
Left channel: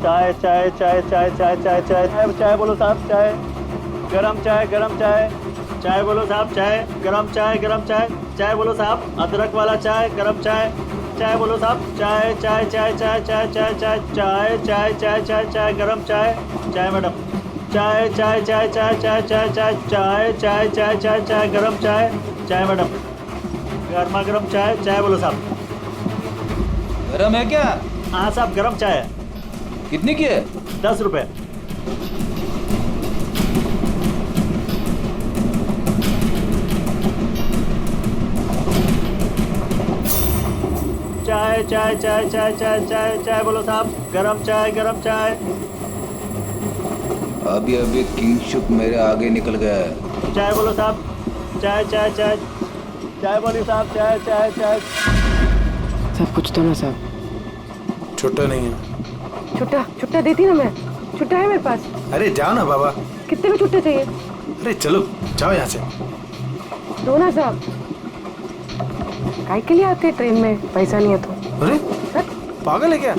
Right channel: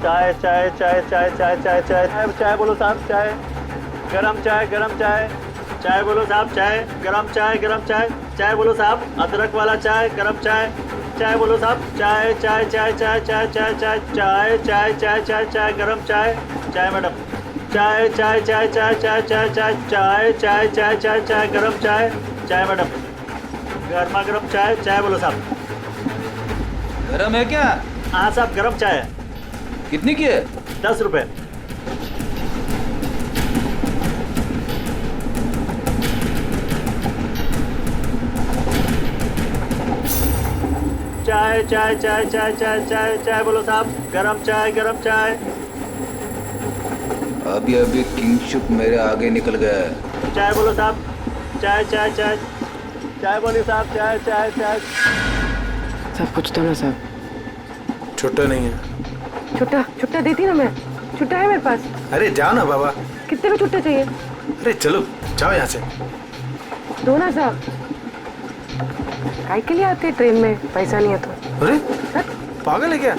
चाय चाय चाय चाय चाय चाय चाय चाय चाय बोलो साहब। चाय गरम चाय गरम चाय। चाय बोलो साहब। चाय गरम चाय गरम चाय। चाय बोलो साहब। अदरक वाला चाय गरम चाय। चाय बोलो साहब। चाय चाय चाय चाय चाय चाय चाय चाय चाय चाय चाय चाय गरम चाय। चाय मैडम। चाय चाय चाय चाय चाय चाय चाय चाय चाय चाय चाय चाय गरम चाय। चाय मैडम। गर्मा गर्म चाय। चाय बोलो साहब। गरम है क्या? हाँ साहब गरम चाय है। कितनी की है? 10 रुपए। चाय चाय चाय चाय चाय चाय चाय बोलो साहब। गरम चाय गरम चाय। अभी अभी किंगशुक मेरे आगे निकल गया है। चाय बोलो साहब। चाय चाय चाय चाय बोलिए साहब। चाय चाय चाय। सब कुछ तो ना साहब। छुट्टा नहीं है। छुट्टा छुट्टा देती ना मैं। छुट्टा है मेरे पास। अरे जाओ ना बाबा, कितने में छुट्टे चाहिए? अरे चलो जाओ यहाँ से। दो ना साहब। काय के लिए आते ट्रेन में, पैसा नहीं है तो? अरे पागल है क्या?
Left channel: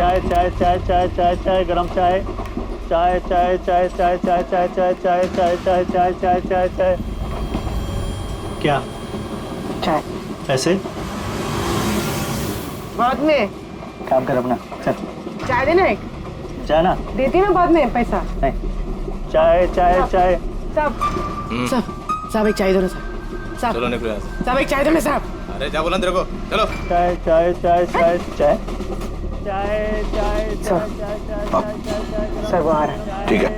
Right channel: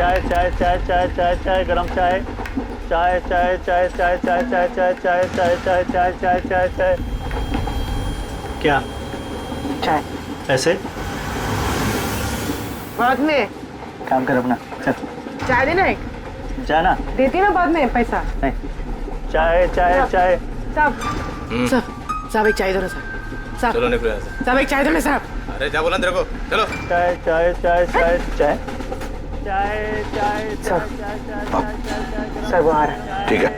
चाय चाय चाय चाय चाय चाय गरम चाय चाय चाय चाय चाय चाय चाय चाय चाय चाय चाय चाय चाय चाय चाय। क्या चाय? पैसे बाद में। काम कर अपना, चल चाय देना एक। जाना देती ना बाद में पैसा। नहीं चाय चाय चाय। साहब साहब एक चाय दो ना साहब। साहब चलो निकलो यहाँ से। साहब एक चाय दो ना साहब। अरे जा बोला तेरे को, चलो। चाय चाय चाय चाय चाय चाय चाय सर सर वो आ रहा है। ठीक है,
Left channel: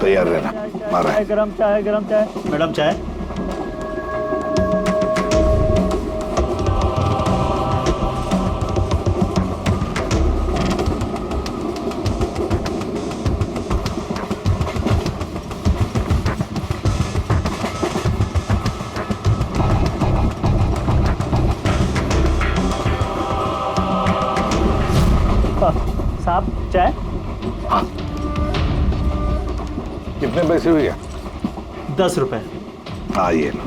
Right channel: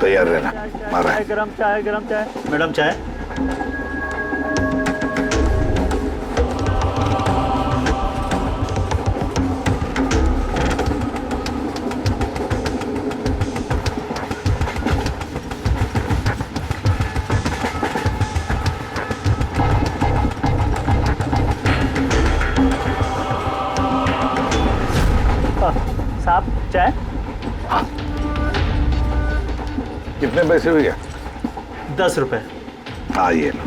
तैयार रहना, मारा है। गरम चाय मैडम चाय। साहब चाय। हाँ, कितने पैसे भैया? 10 रुपए। हाँ ये लो।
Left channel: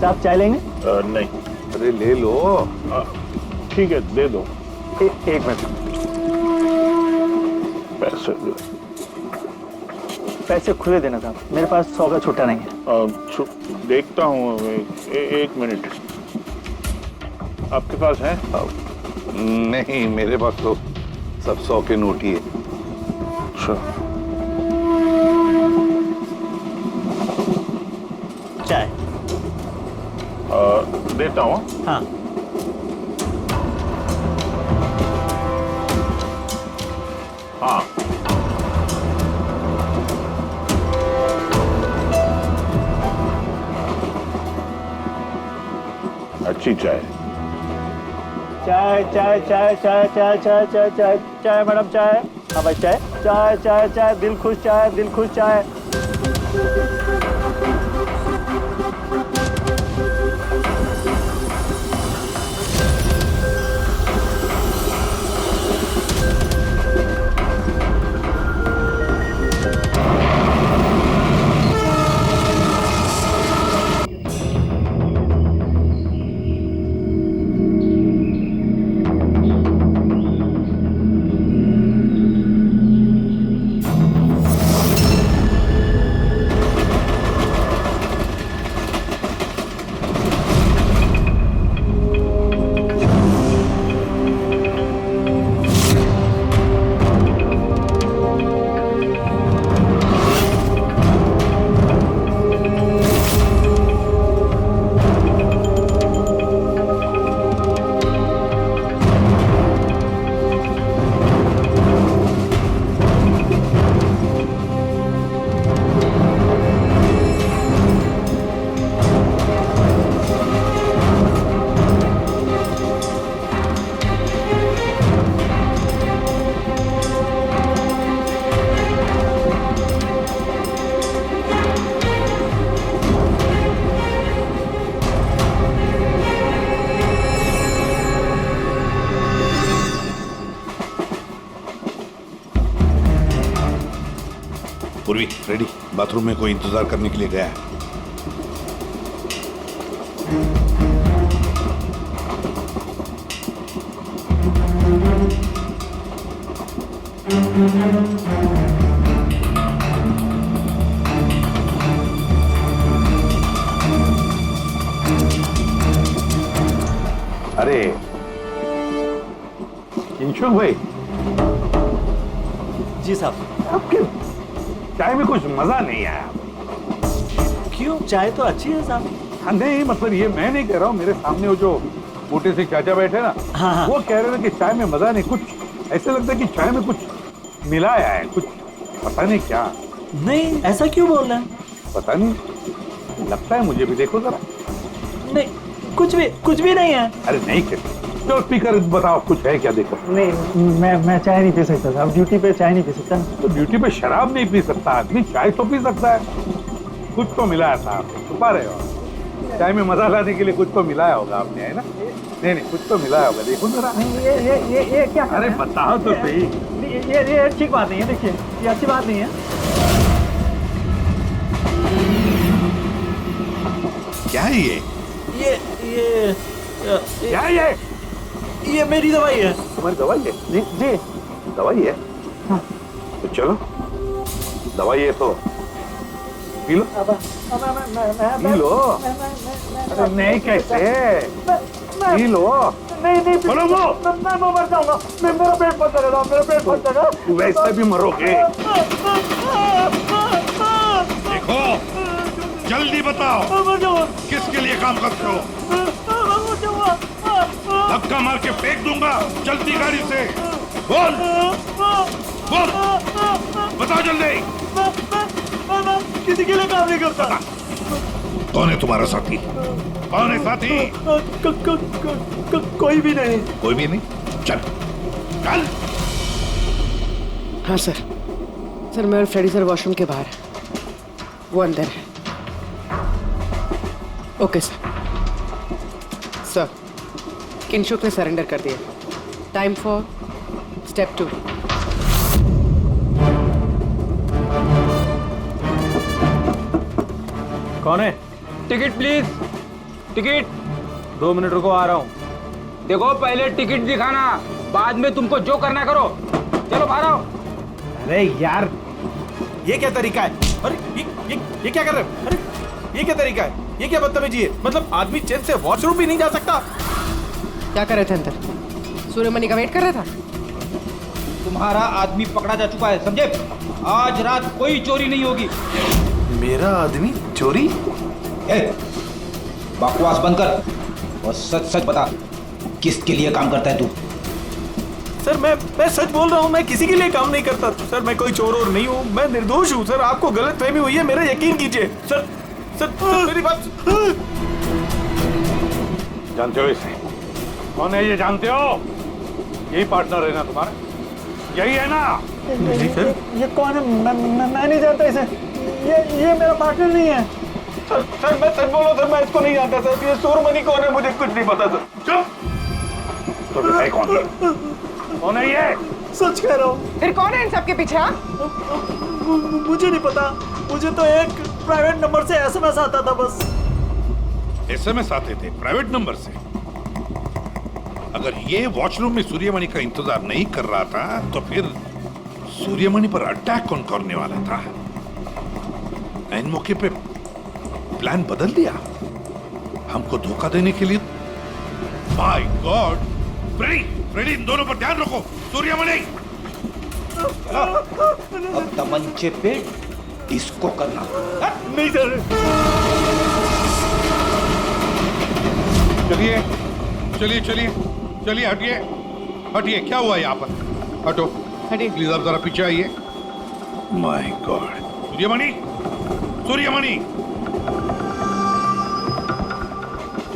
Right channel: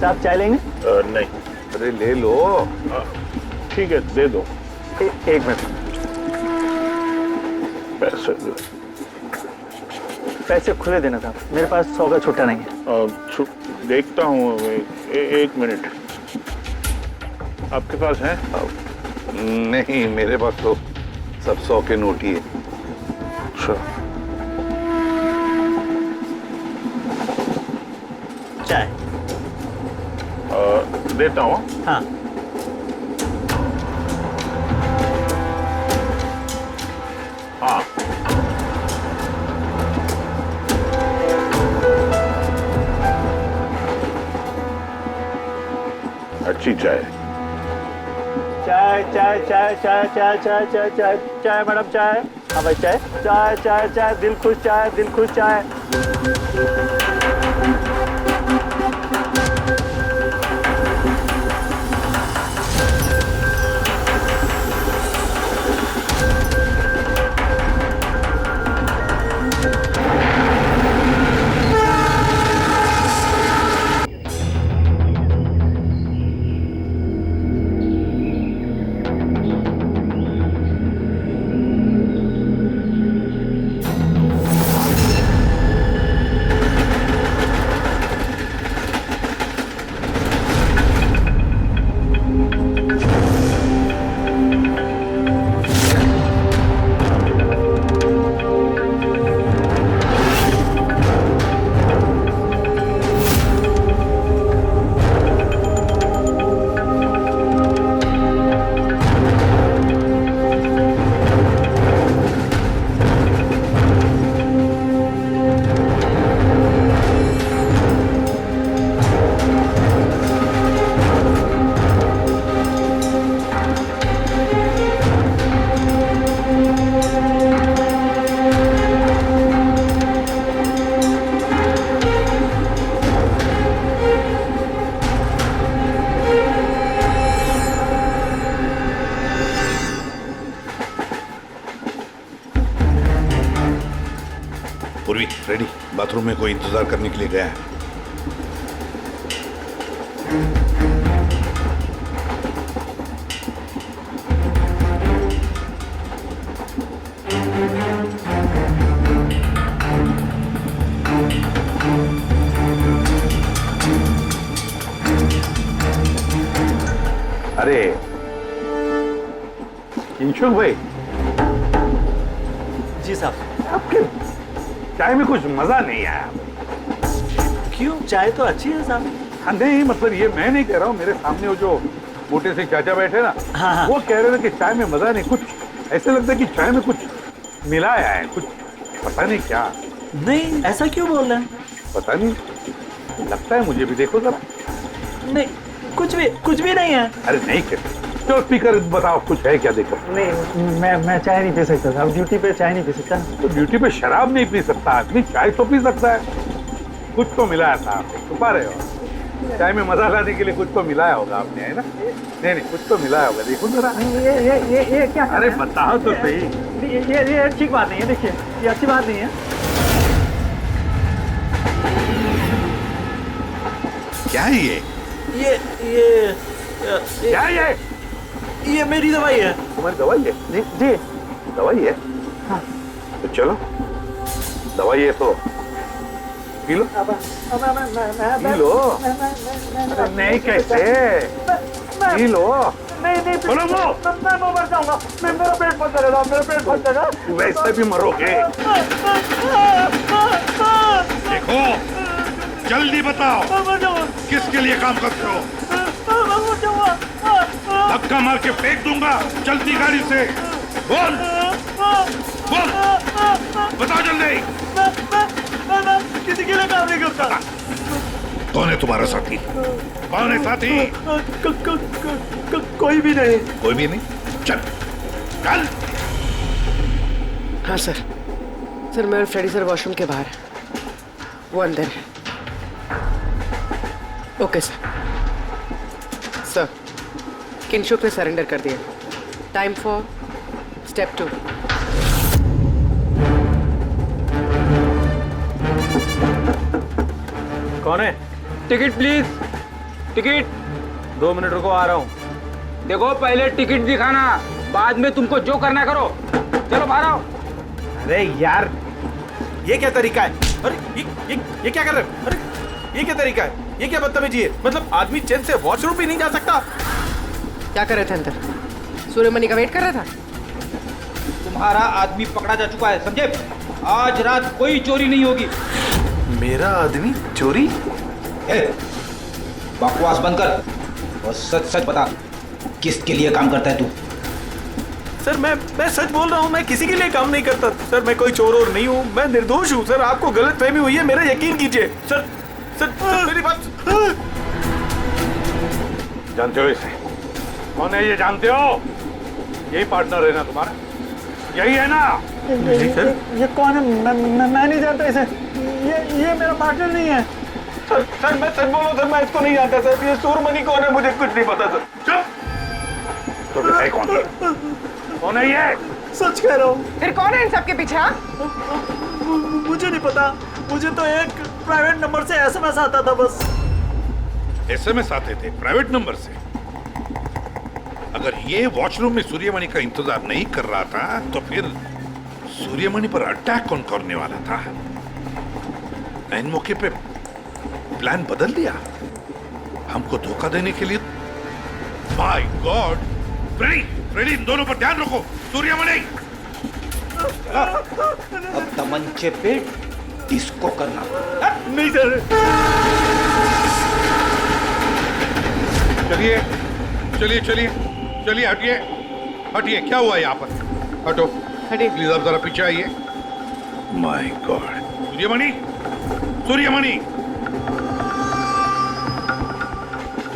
साहब चाय लेंगे? नहीं। अरे ले लो। ठीक है दे दो। एक मिनट। पैसे खुले देना साहब, मेरे पास 100 का छुट्टा नहीं है। देखता हूँ, एक मिनट। आपके पास है? नहीं, मेरे पास तो सब 100 के नोट ही है। अच्छा। चाय देता हूँ। हाँ। हाँ अच्छी चाय। चाय चाय चाय चाय चाय चाय चाय चाय चाय मैडम चाय। हाँ भाई चाय चाय चाय चाय दिल खुश चाय, दिल खुश चाय। पूर्वी रेडी, बाथरूम में कोई इंतजार करने के लिए गया है। अरे किंशुक भाई। जी साहब। आपके चाय में कुछ मजा नहीं आया। क्यों? चाय तो अच्छी है साहब। हाँ नहीं, मतलब ये मैं नहीं कह रहा हूँ, मेरे सामने वो जो मोटे से चाचा बैठे ना, हाँ। वो कह रहे थे कि चाय में मजा नहीं, कुछ ऐसे लगता है कि चाय में कुछ मिलाया है, कुछ पता नहीं क्या। नहीं, ऐसा क्यों बोल रहे हैं? पता नहीं, लगता है मुझे भी। देखो जरा। नहीं, कुछ भी नहीं है। अरे नहीं कहते, चलो स्पीकर बताओ, कुछ है क्या? देखो नहीं, मैं चाय नहीं पी सकता साहब, ड्यूटी पे चाय नहीं पी सकता। तो ड्यूटी पे शराब नहीं पी सकता आदमी, चाय तो पी सकता है। कुछ तो मिलाया था आपने, छुपा रहे हो। चाय में मजा लाने के लिए कुछ तो मिलाया होगा आपने, है ना? नहीं नहीं, कुछ तो मिलाया होगा, देखो जरा। ये क्या? अरे बताओ तो सही। ये ठीक बात नहीं है, देखिए ये अच्छी बात नहीं है। क्या है ये? क्या है ये मेरी दवाई है। तुम्हारी दवाई है? जी जी दवाई है। हाँ। तो चलो, दवाई है तो पी लो। P low. अरे नहीं, कैसे पी लो? नहीं बोलो वो। मैं मर जाऊंगा, मेरा पेट फट जाएगा, मेरा पेट फट जाएगा। वैसे भी मरोगे। देखो, जल्दी बताओ, किसके लिए काम करते हो? धक्का मार के फेंक दूंगा, चलती गाड़ी से। बोल बोल, बताओ जल्दी। मैं किसी के लिए काम नहीं करता। कौन है तुम्हारा साथी? कौन है साथी? कोई भी नहीं। कोई भी नहीं? चल चल। हाँ सर, मैं और फ्रेडी सर वॉशरूम के बाहर है, वो अंदर है। ओके सर, किंशुक ने सरेंडर कर दिया। Time for step 2। कौन है? Ticket please, ticket. 2 मिनट रुको, आ रहा हूँ। देखो, पहले टिकट दिखाना, बाद में तुमको जो करना करो। चलो बाहर आओ। अरे यार, ये क्या तरीका है? अरे ये क्या कर रहे हो? अरे ये क्या तरीका है? ये क्या बदतमीजी है? मतलब आदमी चैन से वॉशरूम भी नहीं जा सकता। क्या कर रहे थे अंदर? सूर्यमणि का वेट कर रहा था। तुम्हारा आदमी पकड़ा जा चुका है, समझे? आज रात कोई चोरी नहीं होगी। मेरा आदमी चोरी? बकवास बंद कर और सच सच बता, किसके लिए काम करता है तू? सर मैं सच बोल रहा हूँ, मैं किसी के लिए काम नहीं करता सर। मैं कोई चोर और नहीं हूँ, मैं निर्दोष हूँ सर। आपको गलतफहमी हुई है, मेरा यकीन कीजिए सर। सर मेरी बात। जानते हो इसे? कौन है ये? जानते हो? यही पार्टनर है ना तुम्हारा? यही है ना? नहीं सर, ये कौन है? मैं नहीं जानता इसे। ये मेरा पार्टनर नहीं है सर। मैं सच बोल रहा हूँ सर, मैं इसको नहीं जानता सर। ये सूर्यमणि कौन है मुझे कुछ नहीं पता सर। चुप। तो है कौन है ये? सच कह रहा हूँ। फिर कौन है इन सबके पीछे? मुझे नहीं पता, मुझे तो एक प्राइवेट नंबर से एसएमएस आता था बस। एसएमएस आते थे प्राइवेट नंबर से? अगर ये वॉशरूम में सूर्यमणि का इंतजार नहीं कर रहा था तो फिर सूर्यमणि पर अटैक कौन करने वाला था? इन मौके पे प्लान बदल दिया हमको धोखा देने के लिए। My God! फ्रेडी, इन दोनों पर ध्यान रखो। सूर्यमणि, अब तमंचे पे डिस्को करना। नहीं सर। चलिए, हटिए। क्या हुआ यहाँ पर? हटो, प्लीज आप जरा पीछे आइए। My God! सूर्यमणि,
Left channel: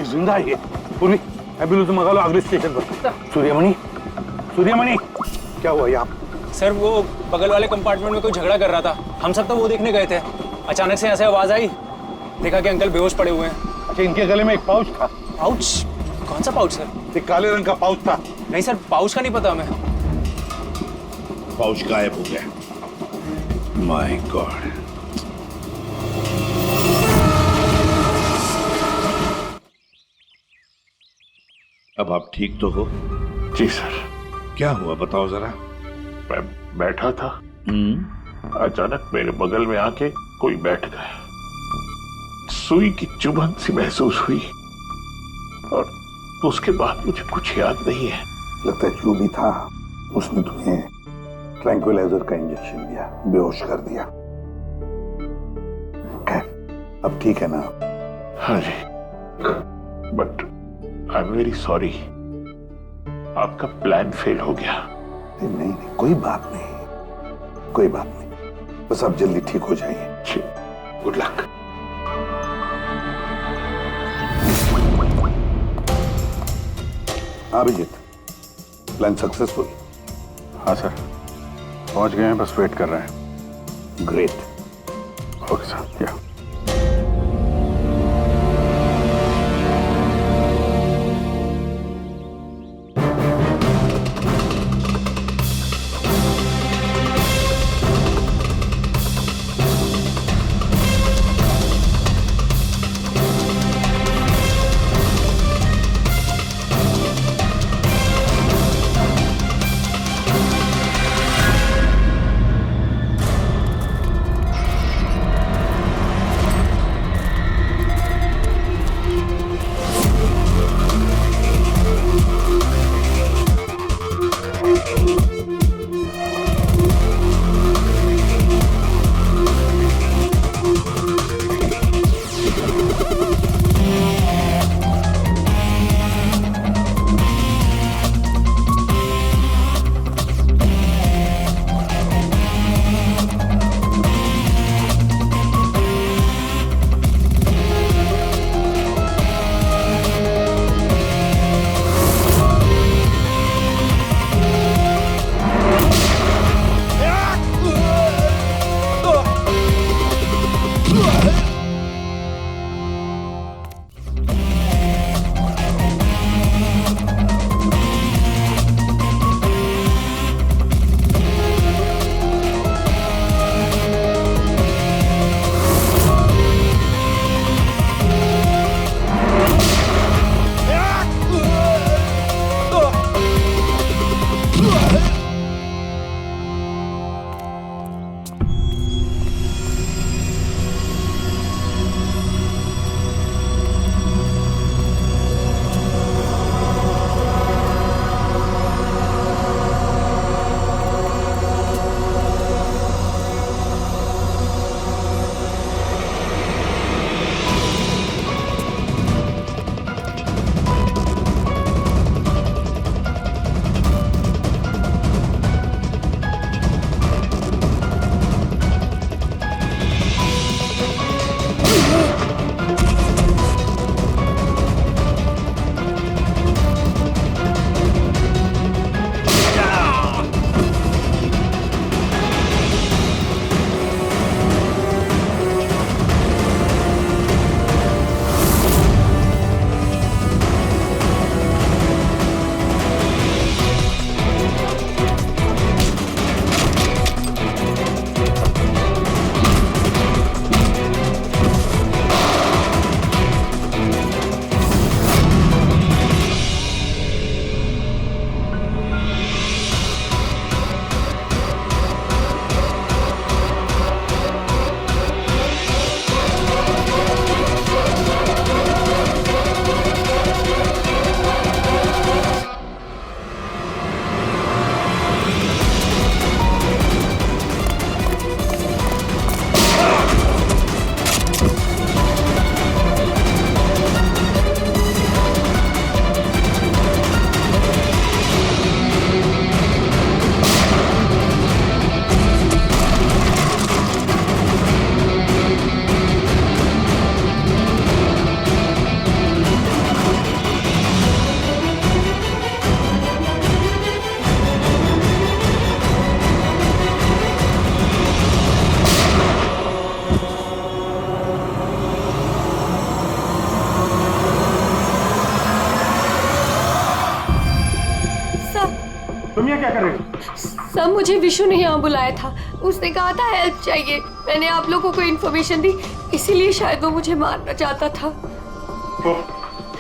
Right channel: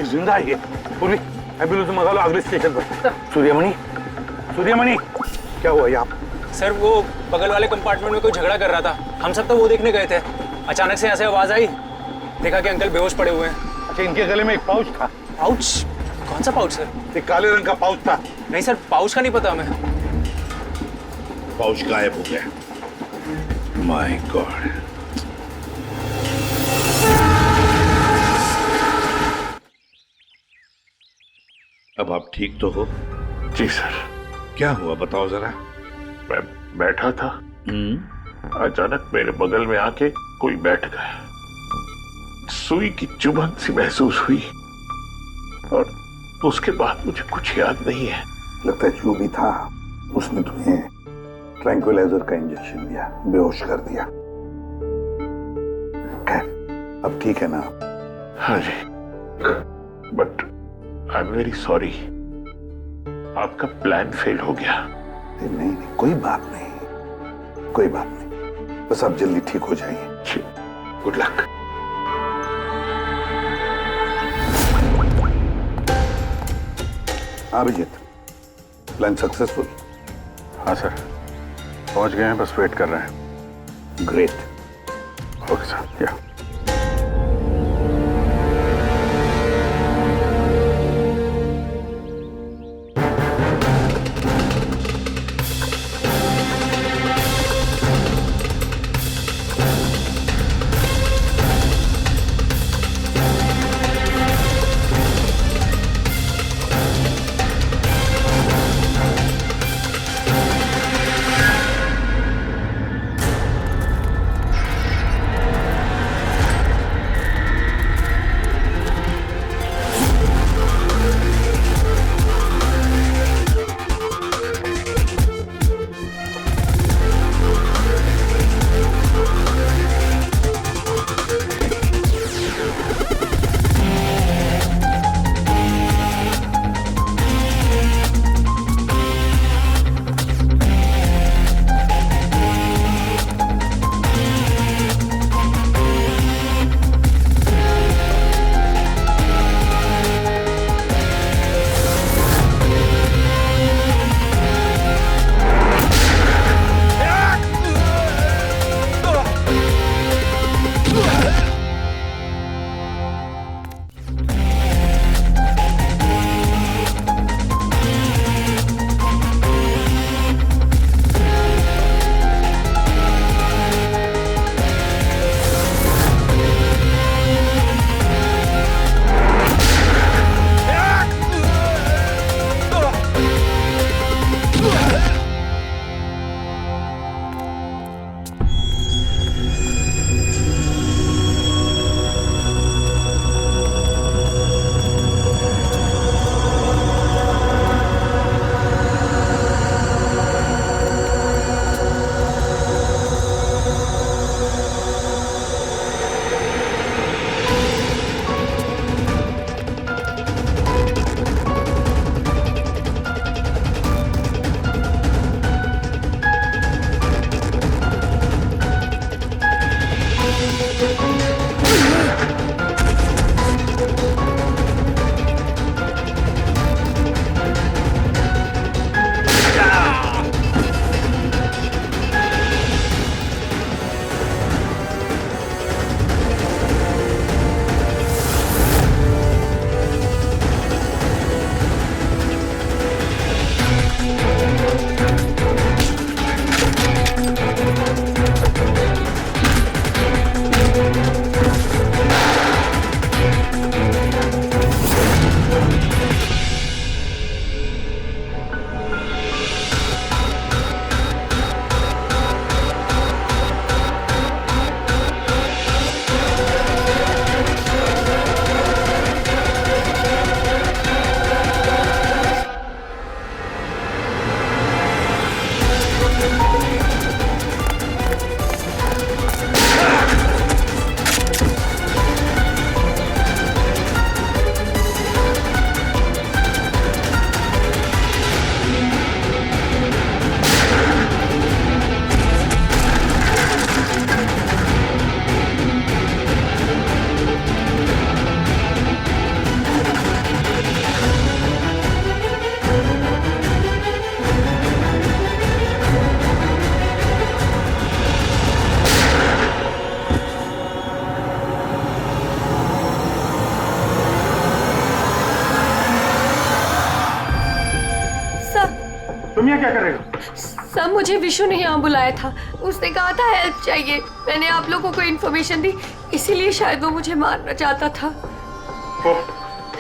जिंदा है ये। पूरी एम्बुलेंस मंगा लो अगले स्टेशन पर। सूर्यमणि, क्या हुआ यहाँ? सर, वो बगल वाले कंपार्टमेंट में कोई झगड़ा कर रहा था, हम सब तो वो देखने गए थे। अचानक से ऐसे आवाज आई, देखा कि अंकल बेहोश पड़े हुए हैं। अच्छा, इनके गले में एक पाउच था। पाउच? कौन सा पाउच सर? एक काले रंग का पाउच था। नहीं सर, पाउच का नहीं पता हमें। पाउच गायब हो गया। My God! अब आप ठीक तो हो? जी सर। क्या हुआ बताओ जरा। मैं बैठा था, अचानक मेरे बगल में आके कोई बैठ गया। सुई की चुभन सी महसूस हुई और उसके बाद मुझे कुछ याद नहीं है। लगता है जो भी था उसने तुम्हें ट्रैंक्विलाइजर का इंजेक्शन दिया, बेहोश कर दिया। खैर, अब ठीक है ना? हाँ जी, but I am very sorry, आपका प्लान फेल हो गया। नहीं, कोई बात नहीं, बस आप जल्दी ठीक हो जाइए। Good luck. Abhijit, plan successful? हाँ सर, पहुंच गए हैं, बस वेट कर रहे हैं। ग्रेट। ओके सर, या तुम यहाँ क्या कर रहे हो? सब मुझे विशु ने यहाँ बुलाया था, उसने कहा था हेल्प चाहिए, मैंने आप लोगों को इन्फॉर्मेशन दी, इसीलिए शायद वो मुझे मारना चाहता था।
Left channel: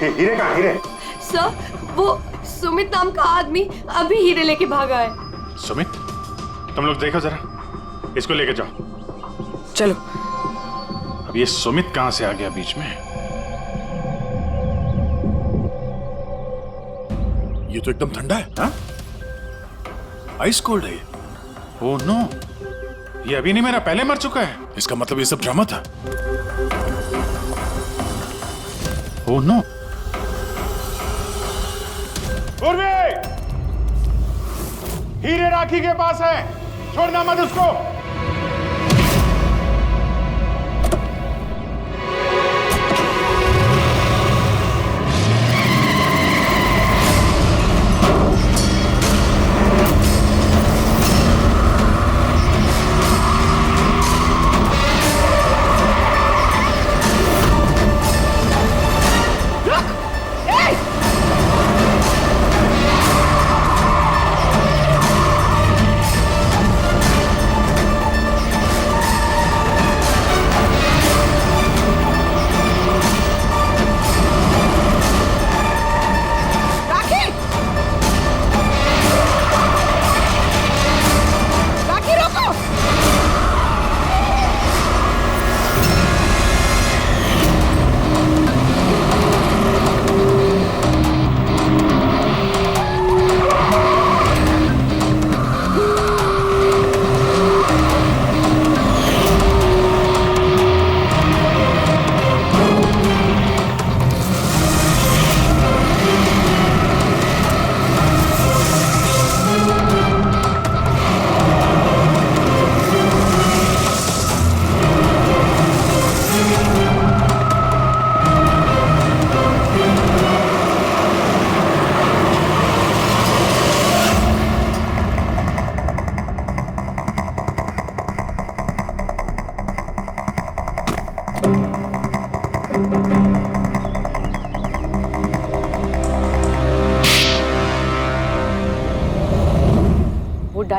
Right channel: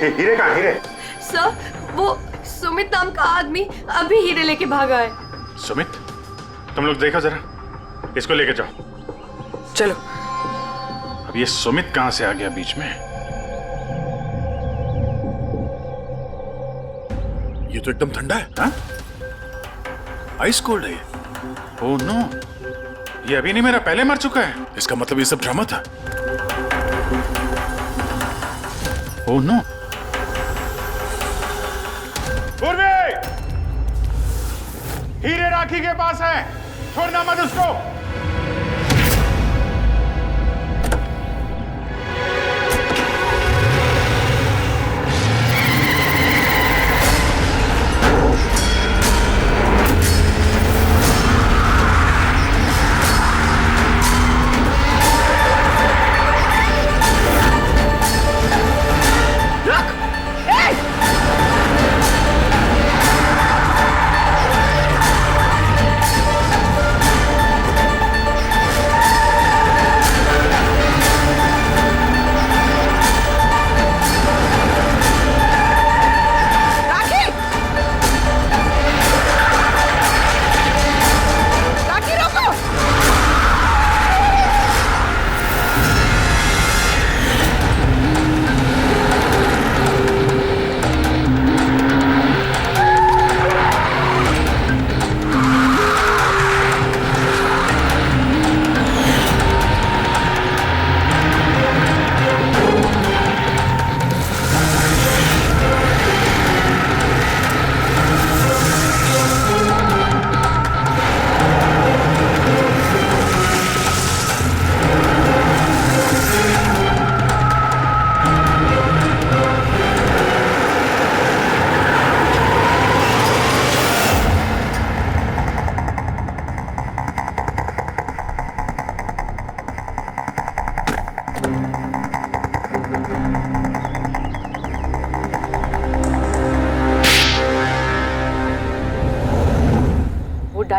हीरे कहाँ? हीरे सर, वो सुमित नाम का आदमी अभी हीरे लेके भागा है। सुमित, तुम लोग देखो जरा, इसको लेके जाओ। चलो। अब ये सुमित कहाँ से आ गया बीच में? ये तो एकदम ठंडा है। हाँ? आइस कोल्ड है ये। ओह नो, ये अभी नहीं मेरा पहले मर चुका है। इसका मतलब ये सब ड्रामा था। Oh no. पूर्वी, हीरे राखी के पास है, छोड़ना मत उसको।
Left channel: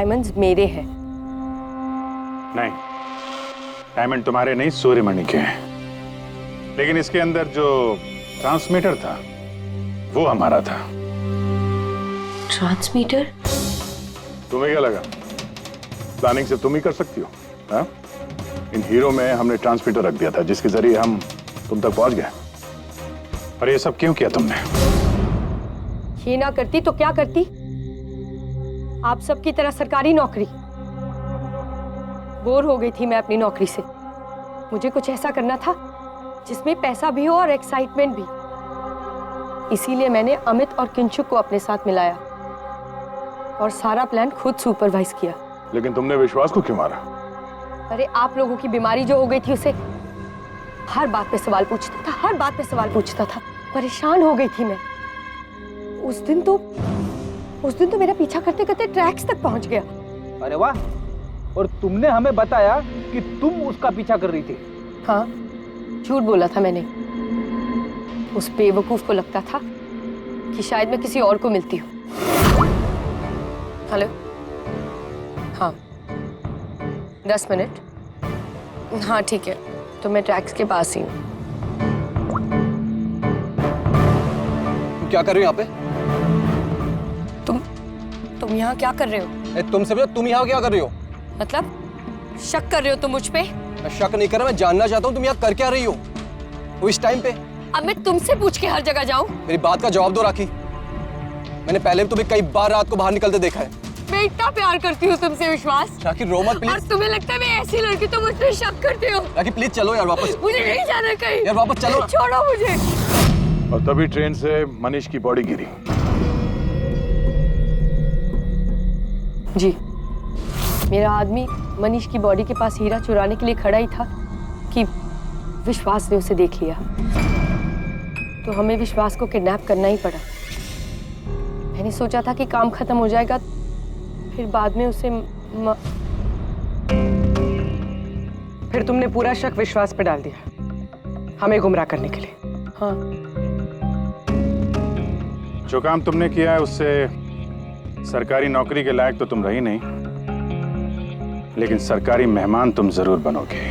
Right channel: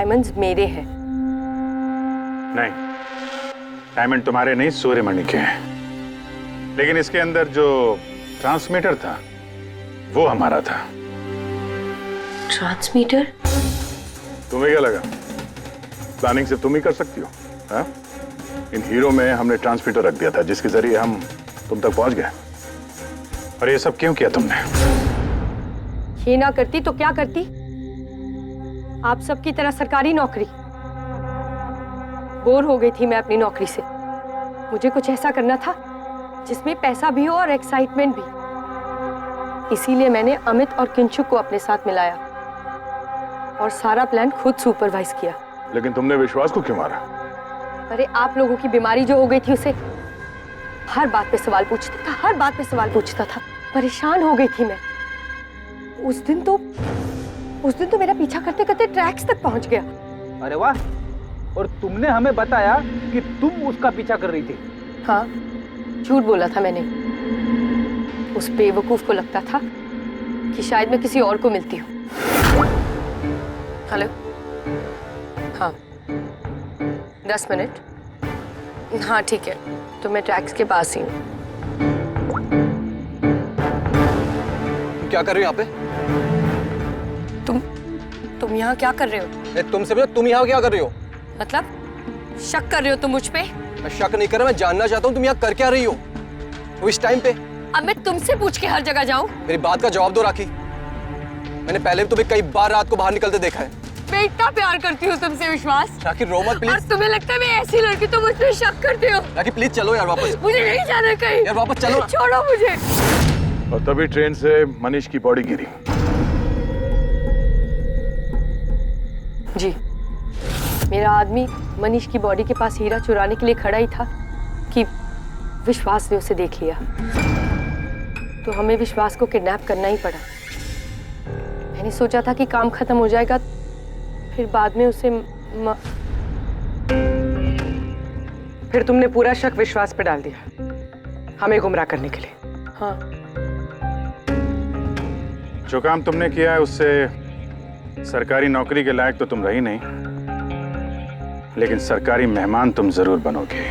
डायमंड्स मेरे हैं। नहीं, डायमंड तुम्हारे नहीं, सूर्यमणि के हैं। लेकिन इसके अंदर जो ट्रांसमीटर था वो हमारा था। ट्रांसमीटर? तुम्हें क्या लगा प्लानिंग सिर्फ तुम ही कर सकती हो? हाँ? इन हीरो में हमने ट्रांसमीटर रख दिया था जिसके जरिए हम तुम तक पहुंच गए। और ये सब क्यों किया तुमने? ये ना करती तो क्या करती? आप सबकी तरह सरकारी नौकरी। बोर हो गई थी मैं अपनी नौकरी से। मुझे कुछ ऐसा करना था जिसमें पैसा भी हो और एक्साइटमेंट भी। इसीलिए मैंने अमित और किंशुक को अपने साथ मिलाया और सारा प्लान खुद सुपरवाइज किया। लेकिन तुमने विश्वास को क्यों मारा? अरे आप लोगों की बीमारी जो हो गई थी उसे हर बात पे सवाल पूछता था, हर बात पे सवाल पूछता था। परेशान हो गई थी मैं। उस दिन तो मेरा पीछा करते करते ट्रैक्स तक पहुंच गया। अरे वाह, और तुमने हमें बताया कि तुम उसका पीछा कर रही थी। हाँ, झूठ बोला था मैंने। उस बेवकूफ को लगता था कि शायद मैं किसी और को मिलती हूँ। हेलो, हाँ 10 मिनट। हाँ ठीक है, तो मैं ट्रैक्स के पास ही हूँ। तुम क्या कर रहे हो यहाँ पे? तुम यहाँ क्या कर रहे हो? तुमसे पूछा, तुम यहाँ क्या कर रही हो? मतलब शक कर रहे हो तुम मुझ पे? मैं शक नहीं कर रहा, मैं जानना चाहता हूँ तुम यहाँ कर क्या रही हो वो इस टाइम पे। अब मैं तुमसे पूछ के हर जगह जाऊँ? मेरी बात का जवाब दो राखी। मैंने पहले भी तुम्हें कई बार रात को बाहर निकलते देखा है। मैं इतना प्यार करती हूँ तुमसे विश्वास। राखी रो मत प्लीज। और तुम्हें लगता है मैं ऐसी लड़की तो मुझ पे शक करते हो? राखी प्लीज चलो यार वापस। मुझे नहीं जाना कहीं यार, वापस चलो। छोड़ो मुझे। और तभी ट्रेन से मनीष की बॉडी गिरी। जी, मेरा आदमी मनीष की बॉडी के पास हीरा चुराने के लिए खड़ा ही था कि विश्वास ने उसे देख लिया। तो हमें विश्वास को किडनैप करना ही पड़ा। मैंने सोचा था कि काम खत्म हो जाएगा, फिर बाद में उसे फिर तुमने पूरा शक विश्वास पे डाल दिया हमें गुमराह करने के लिए। हाँ, जो काम तुमने किया है उससे सरकारी नौकरी के लायक तो तुम रही नहीं, लेकिन सरकारी मेहमान तुम जरूर बनोगे।